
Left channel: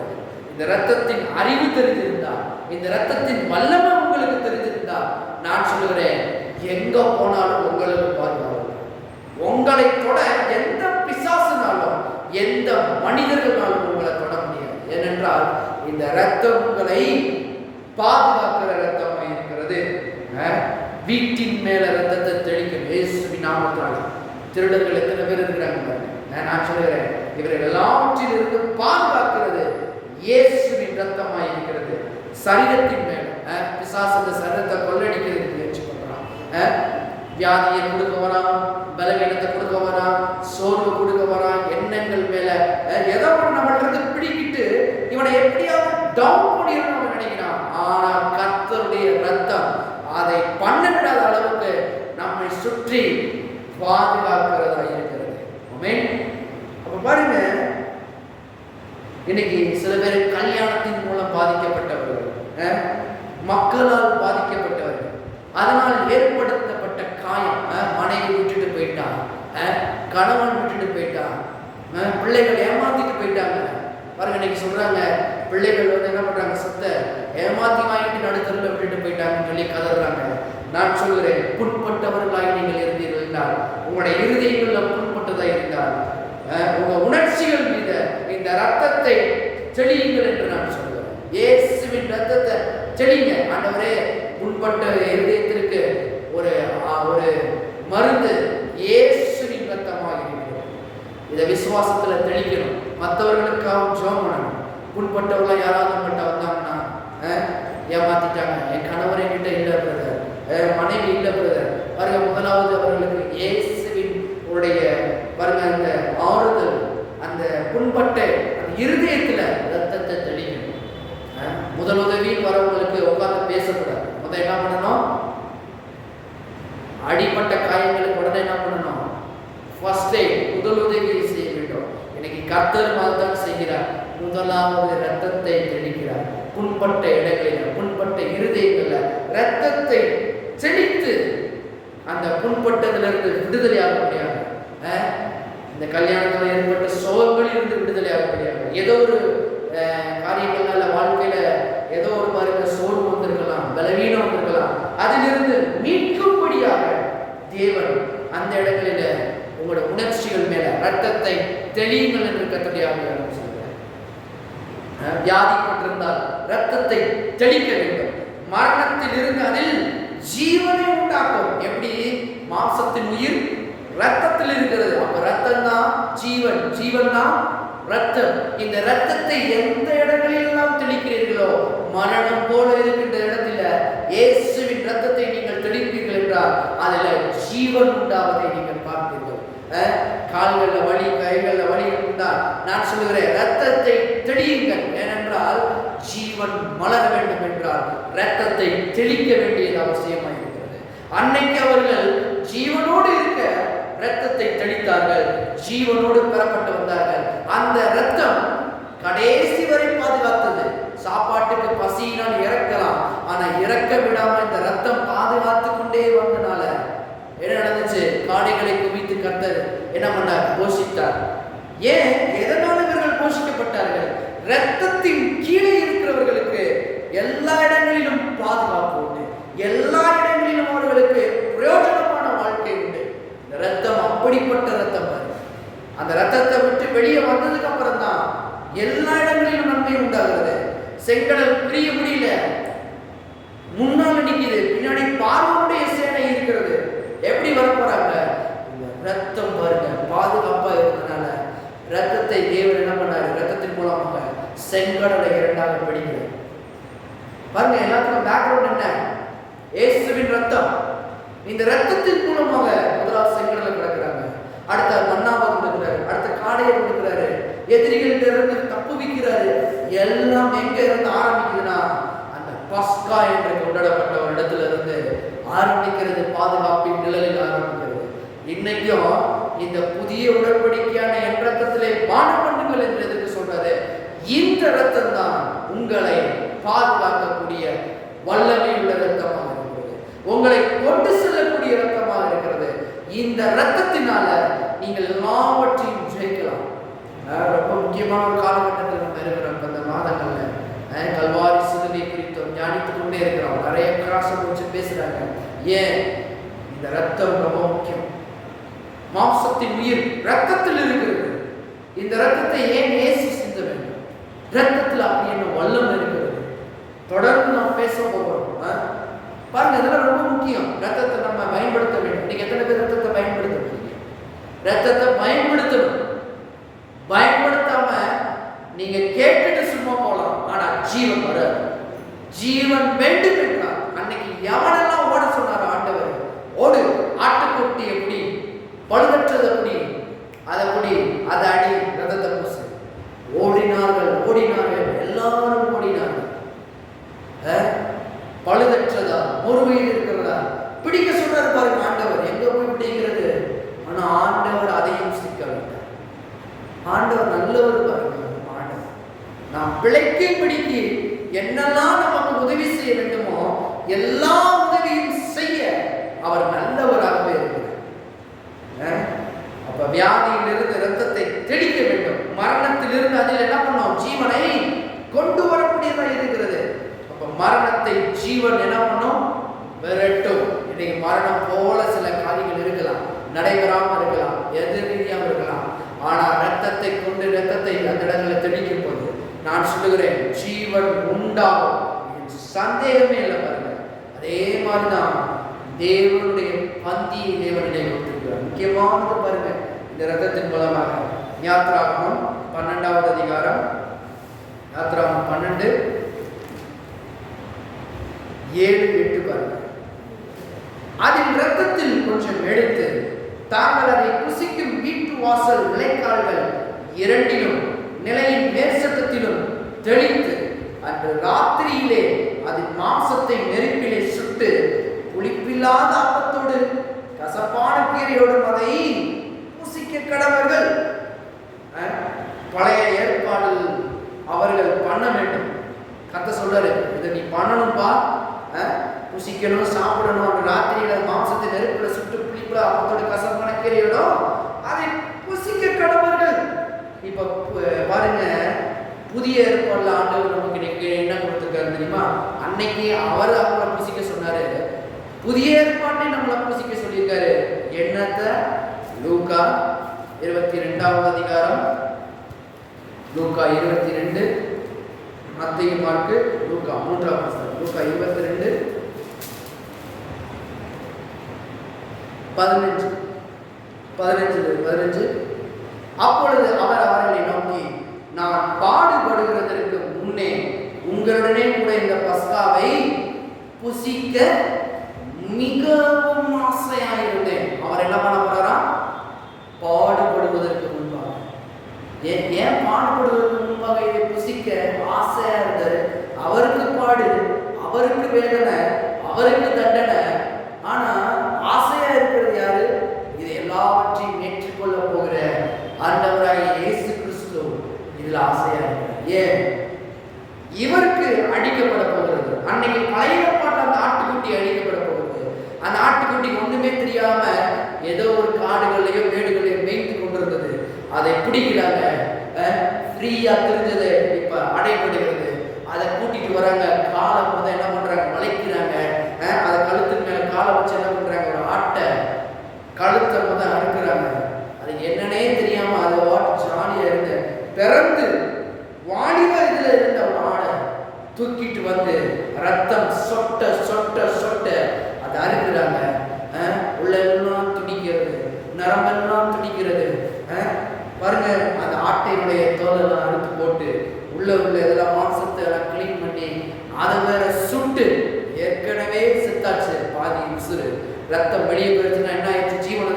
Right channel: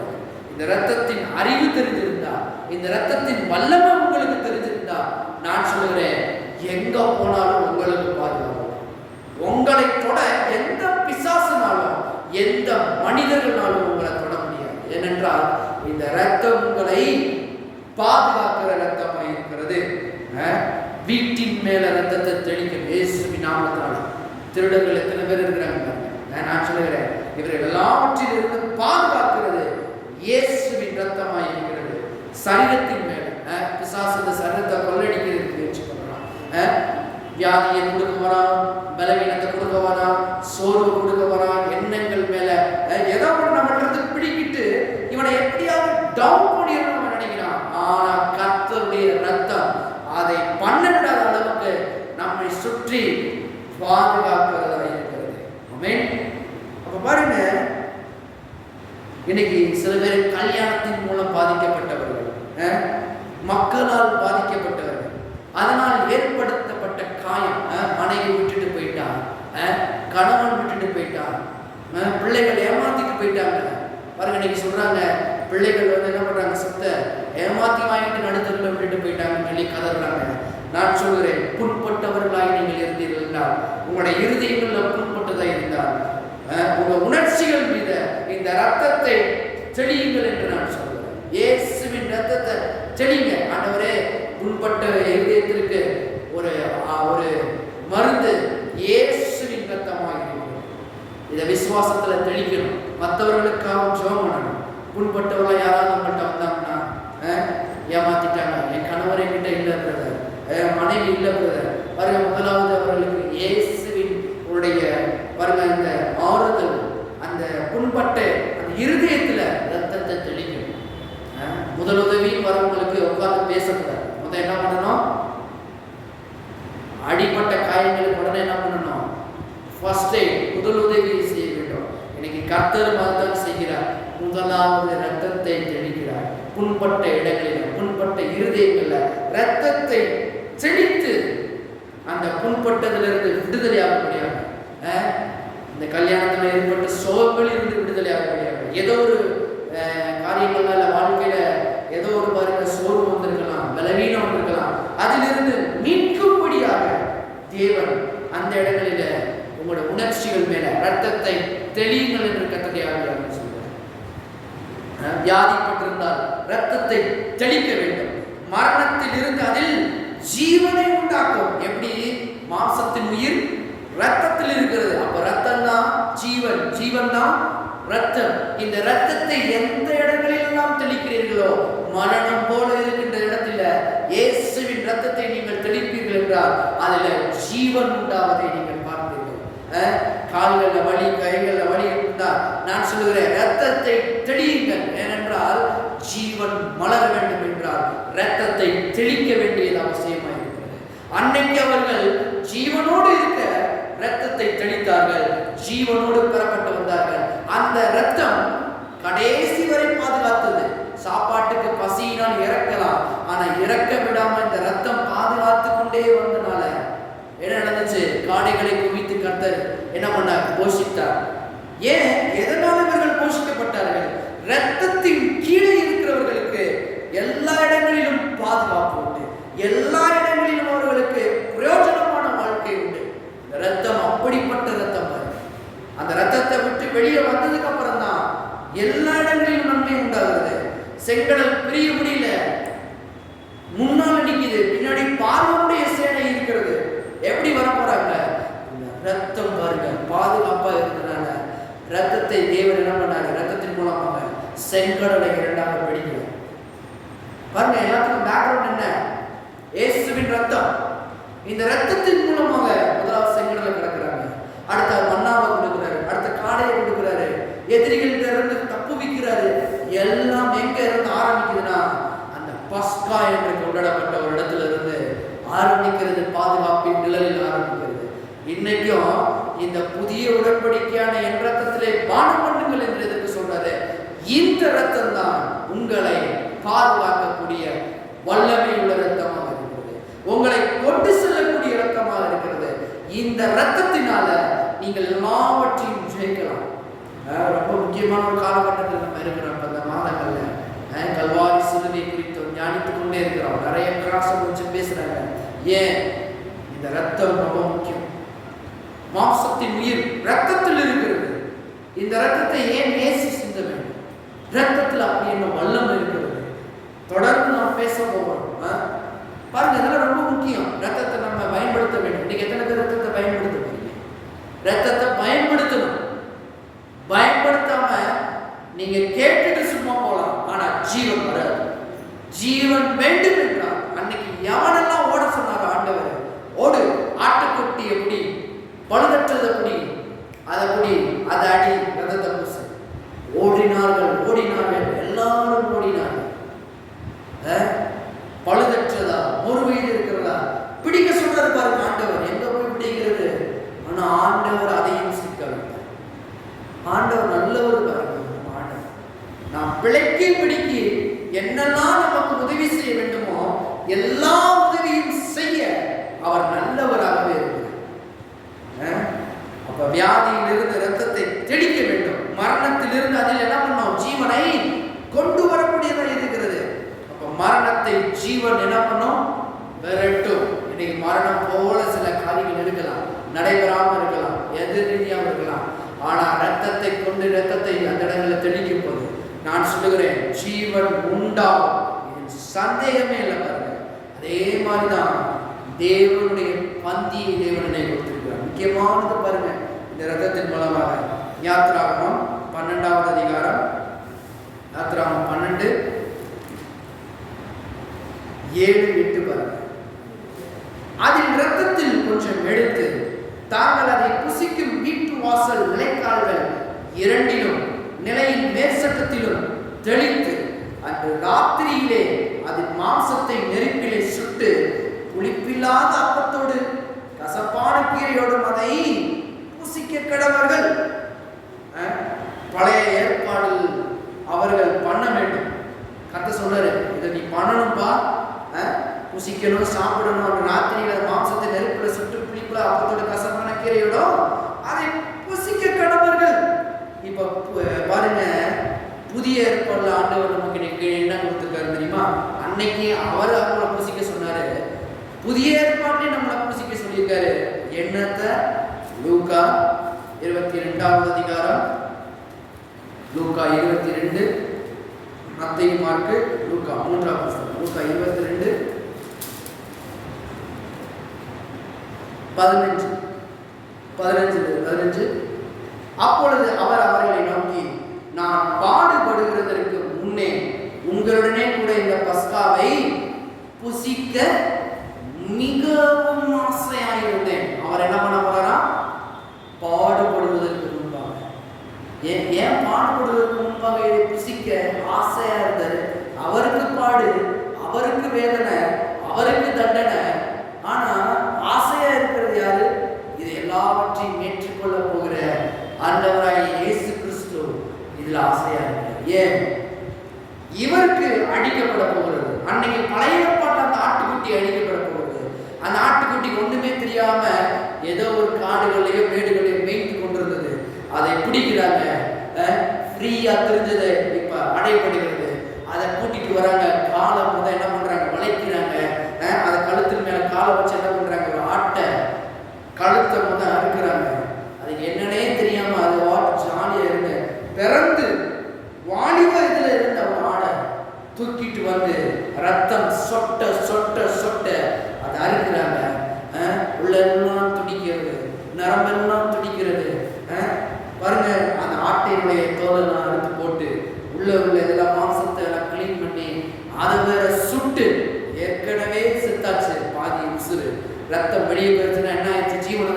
இந்த ரத்தத்தின் அறிவு தெரிஞ்சிருந்தா, இந்த ரத்தத்தின் வல்லமை உங்களுக்கு தெரிஞ்சிருந்தா, நான் சொல்லுகிறேன், எங்க போனாலும் உங்களுக்கு பாதுகாப்பு. உங்களை தொட எந்த பிசாசுனாலும் எந்த மனிதர்களாலும் உங்களை தொட முடியாது. ஏனென்றால் இந்த ரத்தம் உங்களை பாதுகாக்கிற ரத்தமாக இருக்கிறது. வீட்டின் மேல ரத்தத்தை தெளிக்கும் இயேசுவின் நாமத்தினால. திருடர்கள் எத்தனை பேர் இருக்கிறாங்க, நான் சொல்லுகிறேன், இவர்கள் எல்லாவற்றிலிருந்து பாதுகாக்கிறது இயேசுவின் ரத்தமாக இருக்கிறது. சரீரத்தின் மேல பிசாசு சரீரத்தை கொள்ளடிக்கிறதுக்கு முயற்சி பண்ணலாம். வியாதியை கொடுக்க வரான், பலவீனத்தை கொடுக்க வரான், சோர்வு கொடுக்க வரான், எண்ணங்கள் மேல ஏதோ நம்மளுக்கு பிடிக்கிட்டு இவனை எப்படியாவது டவுன் பண்ணிடணும் நினைக்கிறான். ஆனா கர்த்தருடைய ரத்தம் அதை பண்ண விடாத அளவுக்கு நம்மை சுற்றி பாதுகாக்கிறதா இருக்கிறது. ஆமென். அப்ப பாருங்க, இன்னைக்கு சில பேர் கல்யாணத்தின் மூலம் பாதிக்கப்பட்டவர்கள், மக்களால் பாதிக்கப்பட்டவர்கள், அதனால் ஏற்படுத்தப்பட்ட காயம், மனைவி விட்டுட்டு போயிட்டான், கணவன் விட்டுட்டு போயிட்டான், பிள்ளைகள் ஏமாத்திட்டு போயிட்டாங்க. பாருங்க, இன்னைக்கு சொல்றாங்க, பிள்ளைகள் வந்து என்ன பண்றாங்க, சொத்தை ஏமாத்தி வாங்கிட்டு நடுத்தரில் விட்டுட்டு போயிட்டாங்கன்னு சொல்லி கதறாங்க. நான் சொல்கிறேன், புண்பட்டவர்களாய் நீங்கள் இருந்தீர்கள் என்றால், உங்களுடைய இருதயங்களில் புண்பட்டதாக இருந்தால், உங்க உணர்ச்சிகள் மீது இந்த ரத்தத்தை தெளியுங்கள் என்று நான் சொல்கிறேன். இயேசுவின் ரத்தத்தை தெளிங்க. ஆண்டவரே, புண்பட்ட இருதயத்திற்கு ஒரு மருந்து இயேசுவின் ரத்தமாக இருக்கிறது. இதை விசுவாசத்துல தெளிக்கணும். மற்றவர்களுக்காகவும் ஜெபம் பண்ணணும். புண்பட்டவர்கள் யாராவது நம்மகிட்ட வந்தாங்கன்னா, ஏமாத்திட்டாங்க, என் கணவரை கிட்ட இல்லை பிரதர், மனைவி இல்லை பிரதர், பாருங்க, முதலாவது அவர்களுக்கு இயேசுவின் உடைய பாருங்க அந்த ஆறுதல், அந்த புண்பட்ட அந்த இருதயத்துல ரத்தத்தை தெளிக்கணும். முதல் உதவின்னு வரவங்களுக்கு உட்காந்து பேசக்கூடாது. முதல் என்ன பண்ணணும், அடிப்பட்ட காயங்களுக்கு உடனே என்ன பண்ணணும், ஃபர்ஸ்ட் எய்ட், முதல் உதவியை செய்ய வேண்டும். இன்னைக்கு கர்த்தர் தான் செய்கிறார். முதலாவது ரத்தத்தை தெளிக்கிறார். புண்பட்ட இடங்களில், புண்பட்ட இருதயங்கள்ல ரத்தத்தை தெளித்து அந்த புண்பட்டதிலிருந்து விடுதலையாக முடியாது. இந்த கல்யாணத்தில் ஏற்பட்ட சோகங்கள் இருந்து விடுதலையாக முடியாது. ஏதோ ஒரு காரியங்கள்னால வாழ்க்கையில ஏதோ ஒரு பாருங்க சோர்வு வந்திருக்கலாம், பலவீனம் வந்திருக்கலாம், அதிலிருந்து மீட்கும்படியாக தேவன் அந்த இடங்களில உங்களுடைய உணர்ச்சிகள் மேல ரத்தத்தை தெளியுங்கள் என்று கட்டளையாக சொல்கிறார். வியாதிப்பட்டிருந்தால் ரத்தத்தை தெளிக்க வேண்டும். மரணத்தில் இருந்து அதில் ஜீவனை உண்டாக்கும். எப்படி மாம்சத்தின் உயிர் ரத்தத்தில் இருக்கிறது, அப்ப ரத்தம் தான் ஜீவன், ஜீவன் தான் ரத்தம். இந்த ரத்தத்தை எந்த இடங்களில் எல்லாம் தெளிக்கிறீர்களோ, மரணம் போல இருக்கின்ற இடத்துல இயேசுவின் ரத்தத்தை நீங்கள் தெளிப்பீர்கள் என்றால் அதில் ஜீவன் உண்டாவதை நீங்கள் பார்ப்பீர்கள். கால்களில் வலி, கைகளில் வலி இருந்தால் நான் சொல்லுகிறேன், ரத்தத்தை தெளியுங்கள். ஏனென்றால் ஜீவன் மலர வேண்டும் என்றால் ரத்தத்தை தெளிக்க வேண்டியது அவசியமாக இருக்கிறது. அன்னைக்கு அவர்கள் ஜீவனோடு இருக்க ரத்தத்தை தெளித்தார்கள், ஜீவனோடு பெறப்பட்டு வந்தார்கள். அந்த ரத்தம் கடைசி வரை பாதுகாத்தது. சாப்பாட்டுக்கு பசியினால் இறக்கலாம், ஆனா இறக்க விடாம இந்த ரத்தம் பாதுகாத்து கொண்டே வந்தனால என்ன நடந்துச்சு, காடைகளை குவித்து கர்த்தர் என்ன பண்ணார், போஷித்தார். ஏன், எதனால இவர்கள் போஷிக்கப்பட்டார்கள்? ரத்தத்தின் கீழே இருக்கிறவர்களுக்கு எல்லா இடங்களிலும் பாதுகாப்பு உண்டு, எல்லா இடங்களிலும் அவர்களுக்கு பிரயோஜனமான வாழ்க்கை உண்டு. இந்த ரத்தம் அப்படிப்பட்ட ரத்தம். அந்த ரத்தத்தை விட்டு வெளியே வந்ததுக்கு அப்புறம் தான் எல்லா இடங்களிலும் நன்மை உண்டாகிறது. செங்கடல் பிரிய முடியல, முன்னால் நிற்குது, பின்னாடி பார்வனுடைய சேனை இருக்கிறது. எப்படி வர போறாங்க? இந்த ரத்தம் பாருங்க பாதுகாப்பா இருக்கிறதுனால ரத்தத்தை தேவன் என்ன பண்ணாரு, ரத்தத்தின் மூலமாக செங்கடலை இரண்டாக பிடிக்கிறார். பாருங்க, எல்லாத்துக்கும் பேக்ரவுண்ட் என்ன, இயேசுவின் ரத்தம். இந்த ரத்தத்தின் மூலமாக முதலாவது செங்கடலை கிடக்கிறாங்க, அடுத்த மன்னாவை கொடுக்கிறாரு, அடுத்த காடையை கொடுக்கிறாரு, எதிரிகளிட்ட இருந்து தப்பு வைக்கிறாரு. எல்லாம் எங்க இருந்து ஆரம்பிக்குதுன்னா அந்த பஸ்கா என்று கொண்டாடப்பட்ட ஒரு இடத்துல இருந்து ஆரம்பிக்கிறது பாதுகாப்பின் நிழலில் ஆரம்பிக்கிறது. இன்னைக்கும் இந்த புதிய உடன்படிக்கையான என் ரத்தத்திலே பானம் பண்ணுங்கள் என்று எதற்கு சொல்றாரு? இந்த ரத்தம் தான் உங்களை பாதுகாக்கக்கூடிய வல்லமை உள்ள ரத்தமாக இருக்கிறது, உங்களை கொண்டு செல்லக்கூடிய ரத்தமாக இருக்கிறது. இந்த ரத்தத்தினால நீங்கள் எல்லாவற்றையும் ஜெயிக்கலாம். ரொம்ப முக்கியமான ஒரு காலகட்டத்தில் நம்ம இருக்கிறோம். அந்த மாதங்கள்ல கல்வாரி சிலுவை குறித்து தியானித்துக் கொண்டே இருக்கிறோம். நிறைய கிராசம் வச்சு பேசுறாங்க. ஏன்? இந்த ரத்தம் ரொம்ப முக்கியம். மாம்சத்தின் உயிர் ரத்தத்தில் இருக்கிறது. இந்த ரத்தத்தை ஏன் இயேசு சிந்த வேண்டும்? ரத்தத்தில் அப்படி என்ன வல்லமை இருக்கிறது? தொடர்ந்து நாம் பேச போகிறோம். பாருங்க, இதெல்லாம் ரொம்ப முக்கியம். ரத்தத்தை நம்ம பயன்படுத்த வேண்டும். இன்னைக்கு எத்தனை பேர் ரத்தத்தை பயன்படுத்த முடியும்? ரத்தத்தை பயன்படுத்தணும். பயன்படுத்தாம நீங்க கேட்டுட்டு சும்மா போலாம், ஆனா ஜீவன் வராது. ஜீவன் வேண்டும் என்றால் அன்னைக்கு எவனெல்லாம் ஓட சொன்னாரோ ஆண்டவர், ஓடு, ஆட்டுக்குட்டி எப்படி பழுதற்றது அப்படி அதை புடி, அதை அடி, ரத்தத்தை பூசு. ஓடினார்கள், எல்லாரும் ஓடினார்கள். பழுதற்றதா, ஒரு வயது இருக்கிறதா பிடிக்க சொல்றாரு பாருங்க ஆண்டவர். எங்க போய் பிடிக்கிறது? ஆனா ஆண்டவர் அதையும் சிக்க வைத்தார். ஆண்டவர் நல்லவர் பாருங்க. ஆண்டவர் நாம் பிழைக்கு பிடிக்க என்னெல்லாம் நமக்கு உதவி செய்ய வேண்டுமோ எல்லா உதவியும் செய்ய அவர் நல்லவராகவே இருக்கிறார். அப்ப வியாதியிலிருந்து இரத்தத்தை தெளிக்க வேண்டும். மரணத்திலிருந்து அதில் என்ன பண்ணோம்? ஜீவனை கொண்டு வரக்கூடியதா இருக்கிறது. அப்ப மரணத்தை ஜீவன் என்ன பண்ணும்? விரட்டும். இன்னைக்கு மரணம் போல சில காரியங்கள் இருக்கலாம், நடைபெறாமல் இருக்கலாம், எதிர்நீதியாமல் இருக்கலாம். ஆனா ரத்தத்தை கொண்டு ரத்தத்தை அந்த இடங்களை தெளிக்கும் போது நான் சொல்லுகிறேன், ஜீவன் உண்டாகும். சந்தேகமே இல்லை பாருங்க. அதே மாதிரிதான் தேவனுடைய பந்தியை தேவனை கொடுத்திருக்கிறார். முக்கியமானது பாருங்க, இந்த ரத்தத்தின் மூலமாக. யாத்ராகமம் 12வது அதிகாரம், யாத்ராகமம் 12:7-8 பாருங்க. அதில் ரத்தத்தில் கொஞ்சம் எடுத்து தாங்கள் அதை புசிக்கும் வீட்டு வாசல் நிலைக்கால்கள் இரண்டிலும் நிலையின் மேற்சட்டத்திலும் தெளித்து அன்று ராத்திரியிலே அதன் மாம்சத்தை நெருப்பிலே சுட்டு புளிப்பில்லாத அப்பத்தோடு கசப்பான கீரையோடும் அதை புசிக்க கடவர்கள். பழைய ஏற்பாடில் அவர்கள் பண்ண வேண்டும். கர்த்தர் சொல்றாரு, இதை நீ பண்ணணும்பா, புசிக்கணும், சாப்பிடணும். அந்த ராத்திரியில மாம்சத்தை நெருப்புல சுட்டு புளிப்புல அப்பத்தோடு கசப்பான கீரையோடும் அதை புசிக்க கடவர்கள். இப்ப பாருங்க, புதிய ஏற்பாடுல ஆண்டவர் நமக்கு இன்னைக்கு என்ன கொடுத்திருக்காரு தெரியுமா? அன்னைக்கு அவர் அவங்கள புசிக்க சொன்னாரு, புதிய ஏற்பாட்டை நம்மளை புசிக்க சொல்லியிருக்காரு. என்னத்தை? லூக்கா 22வது அதிகாரம், லூக்கா 22, மத்தேயு, மார்க்கு, லூக்கா 3வது புத்தகம். லூக்கா 22:15. அப்பொழுது அவர் அவர்களை நோக்கி, நான் பாடுபடுகிறதற்கு முன்னே உங்களுடனே கூட இந்த பஸ்காவை புசிக்க மிகவும் ஆசையாயிருந்தேன். அவர் என்ன பண்ண போறாரா? பாடுபடுவதற்கு முன்பாக. ஏன் பாடுபடுவதற்கு முன்பாக இதை புசிக்க ஆசையா இருந்தாரு? அவருக்கு பாடு, அவருக்கு வேதனை, அவருக்கு தண்டனை. ஆனா ஆசையா இருக்கிறது யாரு? இது எல்லாவற்றையும் ஏற்றுக்கொள்ள போகிற ஆண்டவராகிய இயேசு கிறிஸ்து இதுல ஆசையா இருக்கிறார். ஏன்? இவருக்கு அடிக்கப்பட போகிறது. அன்னைக்கு பழைய ஏற்பாட்டில் அந்த ஆட்டுக்குட்டி அடிக்கப்பட போகிறது. அந்த ஆட்டுக்குட்டி ஒண்ணுமே தெரியாம ஏதோ ஒரு காடுகளையோ மேடுகளையோ மேய்த்து கொண்டிருந்தது. அதை பிடிக்கிறாங்க, ஃப்ரீயா தெரிஞ்சது இப்ப அடையப்படுகிறது. அதை கூட்டிட்டு வராங்க. காலை முதல் என்ன பண்றாங்க? வளைக்கிறாங்க. அதை கழுத்தின் மேல காலை வச்சு என்ன பண்றாங்க? ஒரு ஆட்டை கழுத்தை முதல் அறுக்கிறாங்க. அது என்னன்னே தெரியாம அது ஜாலியா இருந்து பிறந்து வாலிப இதுல இருந்த ஒரு ஆடை தூக்கிட்டு வந்து ரத்தம் சொட்ட சொட்ட சொட்ட அதை அறுக்கிறாங்க. உள்ளெல்லாம் துடிக்கிறது, நரம்பெல்லாம் துடிக்கிறது. பாருங்க, அந்த ஆட்டையினுடைய தோலெல்லாம் அறுத்து போட்டு உள்ள இதெல்லாம் மாம்சத்தை எல்லாம் கிளீன் பண்ணி அதை வேற சுட்டு, ஏற்கனவே செத்தாச்சு பாதி உசுறு, ரத்தம் வெளியே போயிருச்சுன்னா என்ன ஆயிடுச்சு? ஜீவன்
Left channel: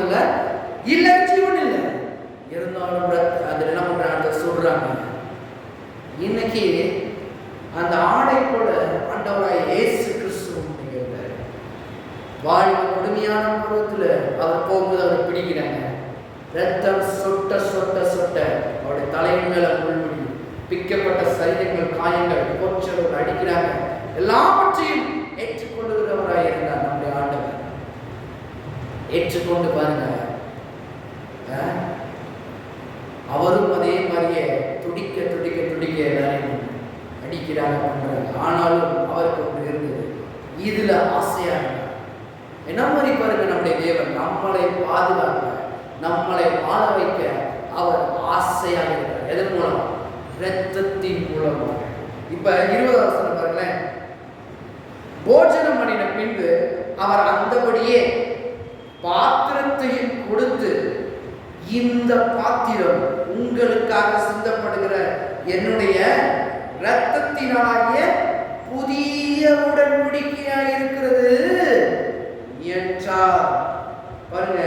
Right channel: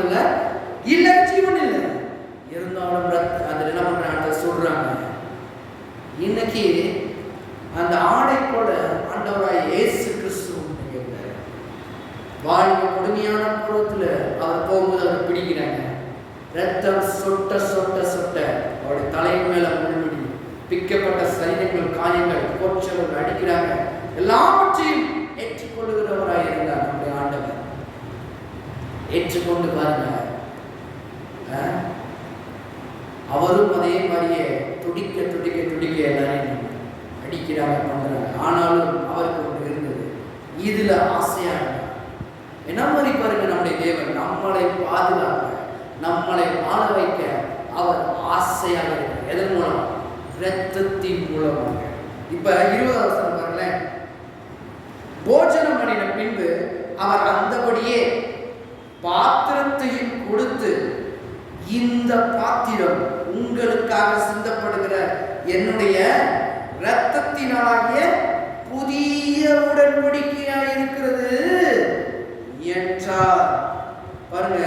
இல்ல, ஜீவன் இல்லை. இருந்தாலும் அதில் என்ன பண்றாங்க? சொல்றாங்க. இன்னைக்கு அந்த ஆடை போல ஆண்டவராய் இயேசு கிறிஸ்து வாழ்க்கை கொடுமையான பருவத்தில் அவர் போகும்போது அவரை பிடிக்கிறாங்க. ரத்தம் சொட்ட சொட்ட சொட்ட அவருடைய தலையின் மேல முள்முடி, பிக்கப்பட்ட சரீரங்கள், காயங்கள், போற்றவர் அடிக்கிறாங்க. எல்லாவற்றையும் ஏற்றுக்கொள்ளுகிறவராய் இருந்தார் நம்முடைய ஆண்டவர். ஏற்றுக்கொண்டு பாருங்க, அவரும் அதே மாதிரியே துடிக்க துடிக்க துடிக்க எல்லாரையும் அடிக்கிறாங்க, பண்றாங்க. ஆனாலும் அவருக்கு ஒன்று இருந்தது, இதுல ஆசையா இருந்தார். என்ன மாதிரி பாருங்க, நம்முடைய தேவன் நம்மளை பாதுகாக்க, நம்மளை வாழ வைக்க அவர் ஆசையாக இருக்கிறார். எதன் மூலம்? இரத்தத்தின் மூலமாக. இப்ப 20வது வசனம் பாருங்களேன். போஜனம் பண்ணின பின்பு அவர் அந்தபடியே பாத்திரத்தையும் கொடுத்து, இந்த பாத்திரம் உங்களுக்காக சிந்தப்படுகிற என்னுடைய இரத்தத்தினாலாகிய புதிய உடன்படிக்கையாக இருக்கிறது என்றார். பாருங்க,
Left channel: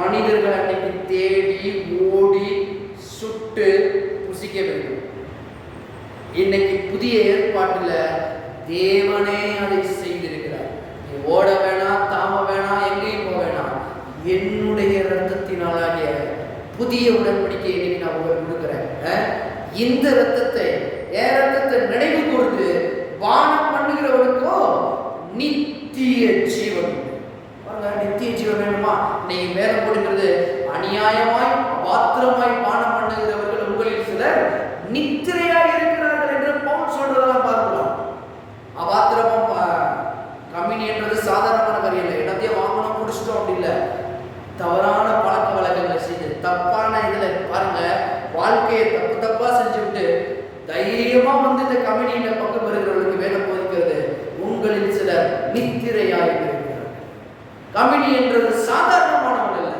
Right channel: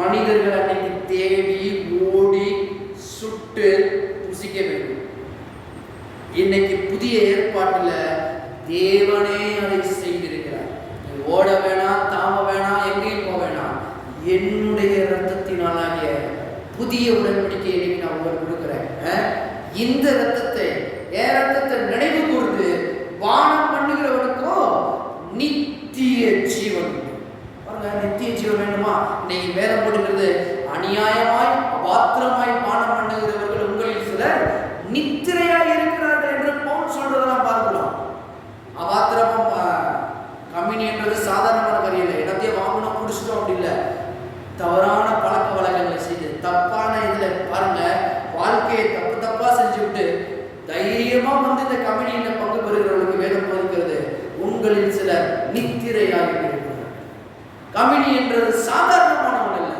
மனிதர்கள் அன்னைக்கு தேடி ஓடி சுட்டு புசிக்க வேண்டும். இன்னைக்கு புதிய ஏற்பாட்டில் தேவனே அதை செய்திருக்கிறார். நீ ஓட வேணாம், தாம வேணாம், எங்கேயும் போக வேணாம். என்னுடைய இரத்தத்தினாலாகிய புதிய உடன்படிக்கையை நான் உங்களுக்கு கொடுக்குறேன். இந்த இரத்தத்தை, என் இரத்தத்தை நினைவு கூர்ந்து பானம் பண்ணுகிறவனுக்கோ நித்திய ஜீவன். நித்திய ஜீவன் வேணுமா? இன்னைக்கு வேதம் போட்டுக்கிறது, அநியாயமாய் அபாத்திரமாய் பானம் பண்ணுகிறவர்கள் உங்களில் சிலர் நித்திரையாய் இருக்கிறார்கள் என்று பவுல் சொல்றதெல்லாம் பார்க்கலாம். அபாத்திரமும் கம்யூனின்றது சாதாரணமான காரியம் இல்லை. இடத்தையும் வாங்கணும், குடிச்சிட்டோம் அப்படி இல்லை. தவறான பழக்க வழக்கங்களை செய்து தப்பான இதுல பாருங்க, வாழ்க்கையை தப்பு தப்பா செஞ்சு விட்டு தைரியமா வந்து இந்த கம்யூனியில பங்கு பெறுகிறவர்களுக்கு வேதம் போதிக்கிறது, உங்களில் சிலர் நித்திரையாய் இருக்கிறார்கள். கம்யூனி என்றது சாதாரணமான ஒன்று இல்லை.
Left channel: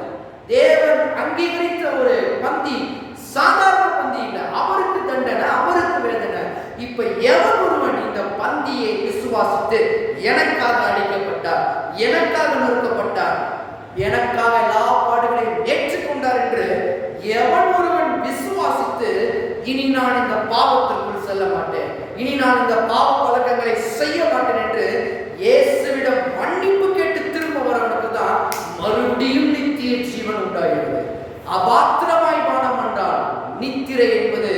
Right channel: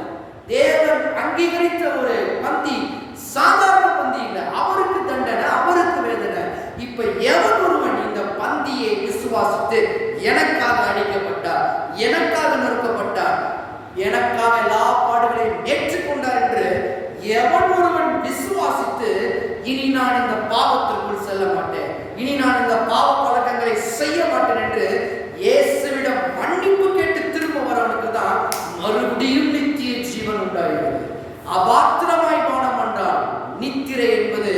தேவன் அங்கீகரித்த ஒரு பந்தி, சாதாரண பந்தி இல்லை. அவருக்கு தண்டனை, அவருக்கு வேதனை. இப்ப எவன் ஒருவன் இந்த பந்தியை விசுவாசித்து எனக்காக அடிக்கப்பட்டார், எனக்காக நொறுக்கப்பட்டார், எனக்காக எல்லா பாடுகளையும் ஏற்றுக்கொண்டார் என்று எவன் ஒருவன் விசுவாசித்து, இனி நான் இந்த பாவத்திற்குள் செல்ல மாட்டேன், இனி நான் இந்த பாவ பழக்கங்களை செய்ய மாட்டேன் என்று இயேசுவிடம் மன்னிப்பு கேட்டு திரும்ப வரவனுக்கு தான் மறுபடியும் நித்திய ஜீவன் உண்டாகிறது. அபாத்திரமாய் பானம் என்றால் நித்திரை என்பது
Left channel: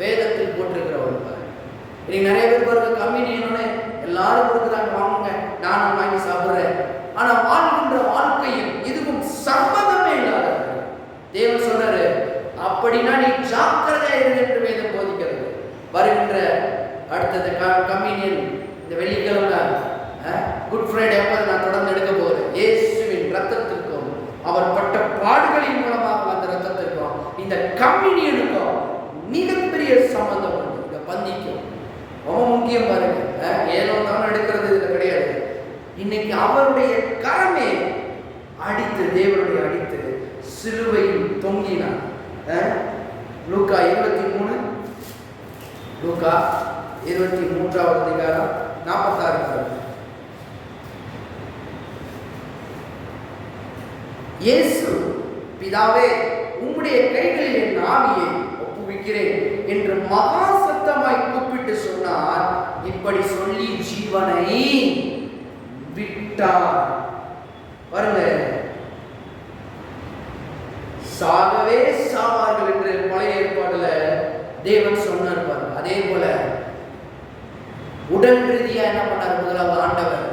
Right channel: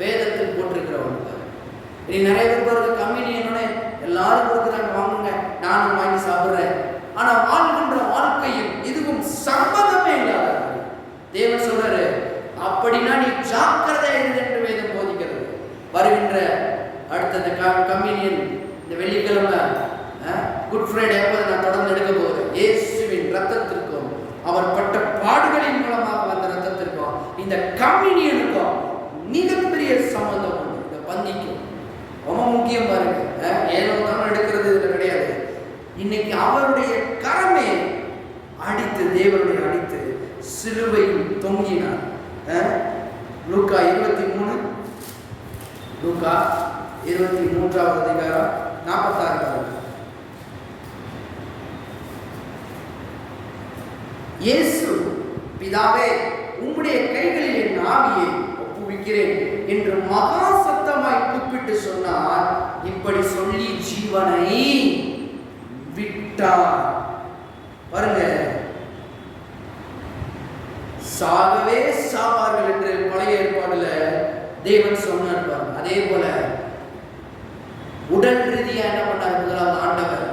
வேதத்தில் போட்டிருக்கிற ஒன்று. இன்னைக்கு நிறைய பேர் பாருங்க, கம்யூனியனோட எல்லாரும் கொடுக்குறாங்க, வாங்குங்க, நானும் வாங்கி சாப்பிட்றேன். ஆனா வாழ்கின்ற வாழ்க்கையும் இதுவும் சம்பந்தமே இல்லாத. தேவன் சொல்றாரு, அப்படின்னா நீ ஜாக்கிரதையா இரு என்று வேதம் போதிக்கிறது. வருகின்ற அடுத்தது கம்யூனியன் இந்த வெள்ளிக்கிழமை குட் ஃப்ரைடே அப்போ நான் தொடர்ந்து எடுக்க போகிறேன். இயேசுவின் ரத்தத்திற்கும் அவர் பட்ட பாடுகளின் மூலமாக அந்த ரத்தத்திற்கும் இந்த கம்யூனியனுக்கும் மிகப்பெரிய சம்பந்தம் உண்டு. இந்த பந்திக்கும் ரொம்ப முக்கியம் பாருங்க. ஏனோ தான் எடுக்கிறது இதுல கிடையாது. இன்னைக்கு அவருடைய கரமே அடித்து, தேவனுடைய அடித்து சிலுவையில் தொங்கினார். லூக்கா 23, லூக்கா 23வது அதிகாரம் 46. இயேசு, பிதாவே, உம்முடைய கைகளில் என் ஆவியை ஒப்புவிக்கிறேன் என்று மகா சத்தமாய் கூப்பிட்டு சொன்னார். இப்படி சொல்லி ஜீவனை விட்டார். பாருங்க, சாகவே சாவார்கள் என்று பழைய ஏற்பாடுல தேவன் சொன்னார் பாருங்க. அதே போல உடல் ரீதியா என்ன பண்ணார்? முதலாவது ஆண்டவர்.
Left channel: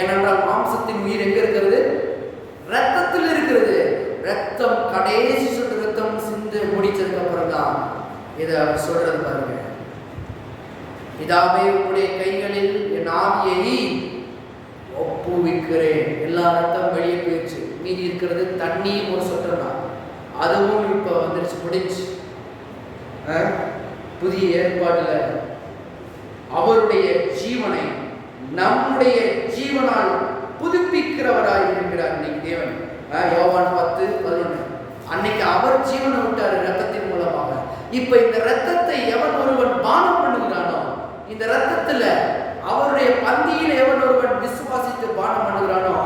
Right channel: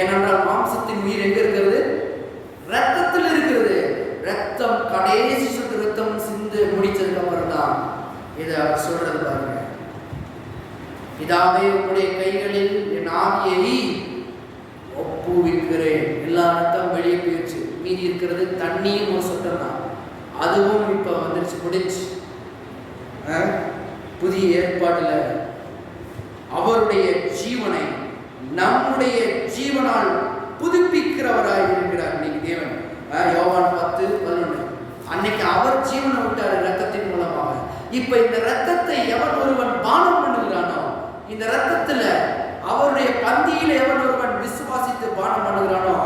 ஏனென்றால் மாம்சத்தின் உயிர் எங்க இருக்கிறது? ரத்தத்தில் இருக்கிறது. ரத்தம் கடைசி சொட்டு ரத்தம் சிந்து முடிச்சதுக்கு அப்புறம் தான் இதை அவர் சொல்றது பாருங்க. பிதாவே, உங்களுடைய கைகளில் என் ஆவியை ஒப்புவிக்கிறேன். எல்லா ரத்தம் வெளியே போயிடுச்சு. மீதி இருக்கிறது தண்ணியும் ஒரு சொட்டம் தான். அதுவும் இப்ப வந்துருச்சு, முடிச்சு. புதிய ஏற்பாட்டுல அவருடைய ஜீவனை நம்முடைய ஜீவனால் புதுப்பிக்கிறவராய் இருக்கிறார் இன்னைக்கு தேவன். யோவான் 10:11. அன்னைக்கு அவர் ஜீவனை விட்டாரு ரத்தத்தின் மூலமாக. இப்ப இந்த ரத்தத்தை எவன் ஒருவன் பானம் பண்ணுகிறானோ, இந்த ரத்தத்துல அவருடைய பந்தியில் எவன் ஒருவன் விசுவாசித்து பானம் பண்ணுகிறானோ,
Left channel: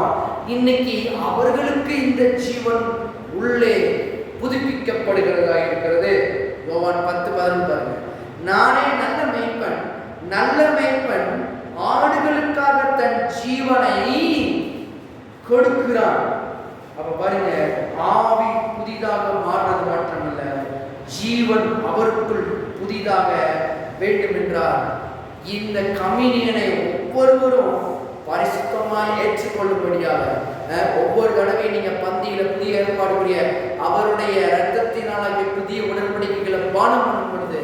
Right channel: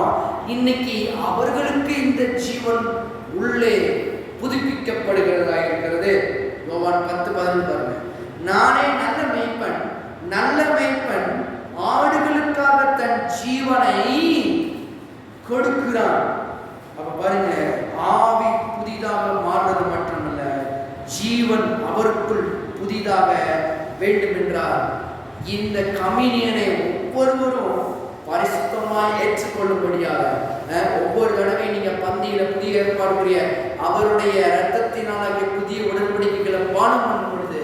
இன்னைக்கு அவர்களுக்கு இந்த ஜீவன் உள்ளே புதுப்பிக்கப்படுகிறதா இருக்கிறது. யோவான் 10:11 பாருங்க. நானே நல்ல மேய்ப்பன், நல்ல மேய்ப்பன் ஆடுகளுக்காக தன் ஜீவனை கொடுக்கிறான். அப்ப பாருங்க, ஆவி புதிதாக மாறுறது மட்டுமல்ல, ஜீவன் அவருக்குள் புதிதாக வேண்டும் என்றார். இந்த கம்யூனியனை ஒவ்வொருவரும் பரிசுத்தமாய் ஏற்றுக்கொள்ளும்படியாக, ஒவ்வொரு தடவை நீங்க பந்தியில புதிய ஏற்பாடுடைய அவருடைய இரத்தத்தினால புதிய உடன்படிக்கைகளை பானம் பண்ணும் பொழுது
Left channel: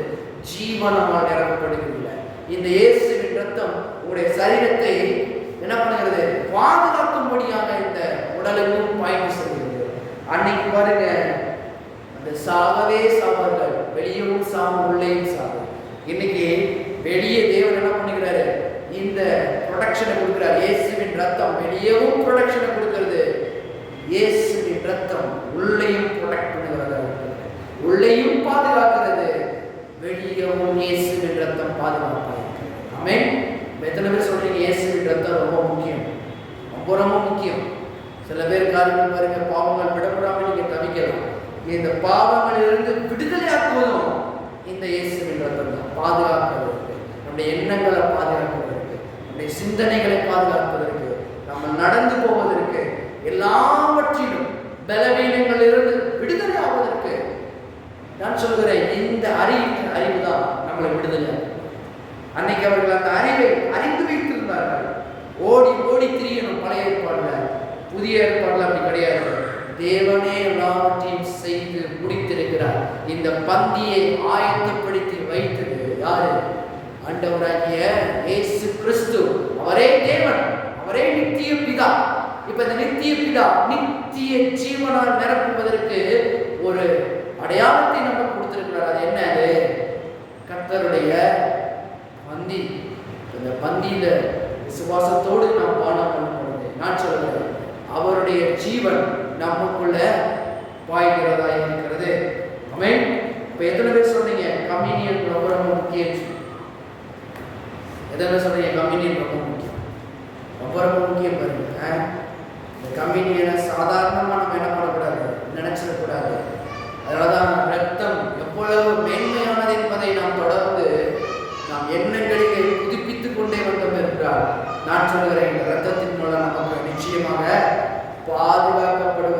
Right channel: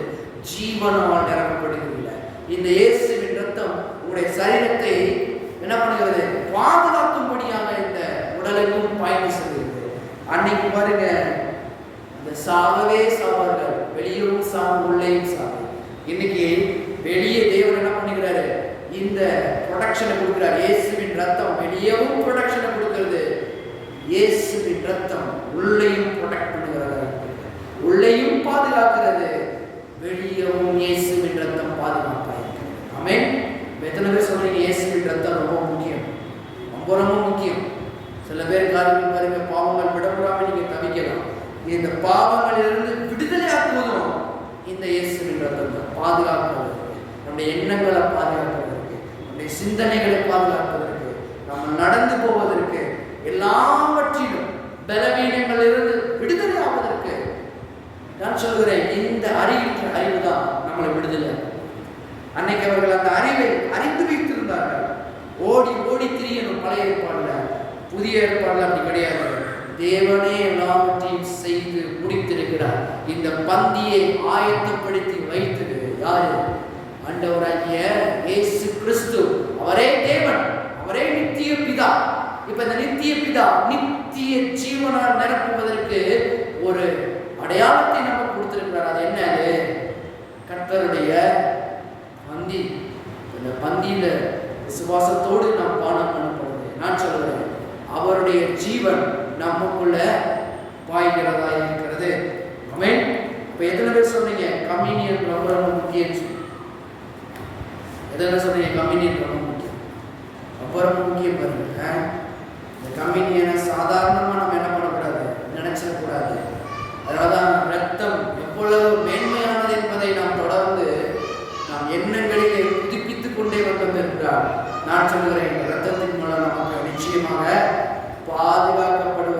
ஜீவனால் நிரப்பப்படுகிறீர்கள். இந்த இயேசுவின் ரத்தம் உங்களுடைய சரீரத்தை என்ன பண்ணுகிறது? பாதுகாக்கும்படியாக இந்த உடலுக்கும் பாய்ந்து செல்கிறது. அன்னைக்கு பாருங்க, அந்த சாகவே சாவார்கள், வெளியவும் சாவும் உள்ளேயும் சாவும். இன்னைக்கு வெளியே தேவன் என்ன பண்ணுகிறாரு? இந்த ப்ரொடெக்ஷனை கொடுக்கிறார். இயேசுவின் ரத்தம் வெளியவும் ப்ரொடெக்ஷனை கொடுக்கிறது. இயேசுவின் ரத்தம் உள்ளேயும் ப்ரொடெக்ட் பண்ணுகிறது, உள்ளேயும் பாதுகாக்கிறது, வெளியவும் இயேசுவின் ரத்தம் பாதுகாப்பாக இருக்கிறது. ஆமென். எத்தனை பேர் சொல்றீங்க இயேசுவின் ரத்தம் ரொம்ப முக்கியம்? ரொம்ப ரொம்ப முக்கியம். சில பேர் காரியங்கள் பாருங்க, பாவங்கள் விடப்படாமல் நீங்க தவிக்கலாம். இந்த பாவங்களிலிருந்து விடுதலையாக்குவதும் இந்த இயேசுவின் ரத்தம் தான். பாதுகாப்பதற்கு, நம்முடைய எண்ணங்களை பாதுகாப்பதற்கு, நம்முடைய சிந்தனைகளை பாதுகாப்பதற்கு, நம்ம நடந்து போவதற்கு, எல்லாவற்றிலும் பலவீனங்களிலிருந்து விடுதலை ஆவதற்கு நான் சொல்கிறேன், இந்த அறிவு தான் நம்மளை விடுதலையாகும். அன்னைக்கு அவர்கள் அந்த அறிவை அறிந்து வைத்திருந்தார்கள். ஓடி ஓடி திரியணும். பழைய ஏற்பாடுல, புதிய ஏற்பாடுல அப்படி கிடையாது. தேவனே எல்லாவற்றையும் செய்து முடித்திருக்கிறார். இந்த பந்தியை ஆயத்தப்படுத்தி வைத்தது யாரு? ஆண்டவராகிய இயேசு கிறிஸ்து. அவரே தேவன், அவரே நித்திய பிதா. இப்ப இந்த நித்திய பிதா நித்திய ஜீவனால் நிரப்புவதற்கு ஒரு அடையாளத்தை நமக்கு கொடுத்திருக்கிறார். அது என்ன? கர்த்தருடைய பந்தி. இந்த பந்தியில விசுவாசத்தோடு நாம் பானம் பண்ணப்படுது. நான் சொல்கிறேன், அவருடைய ஜீவன் நமக்குள்ள பாய்கிறதா இருக்கிறது. ஆமென். இப்ப எத்தனை பேர் சொன்னீங்க கம்யூனியன் ரொம்ப ரொம்ப முக்கியம்? எத்தனை பேர் சொன்னீங்க கம்யூனியன் ரொம்ப முக்கியம்? ரொம்ப ரொம்ப முக்கியம். பாருங்க, இந்த கம்யூனியனை சாதாரணமா நம்ம என்ன பண்ணக்கூடாது, நினைச்சிடக்கூடாது. அதனாலதான் ரத்தம் எவ்வளவு மேன்மையானது என்பதை நாம் தொடர்ந்து நாம் எண்ணங்களிலே புதுப்பித்துக் கொண்டே வந்தோம் என்றால், நான் சொல்கிறேன், இந்த ரத்தத்தின் மூலம் நமக்கு நிச்சயமாக பாதுகாக்கப்படும்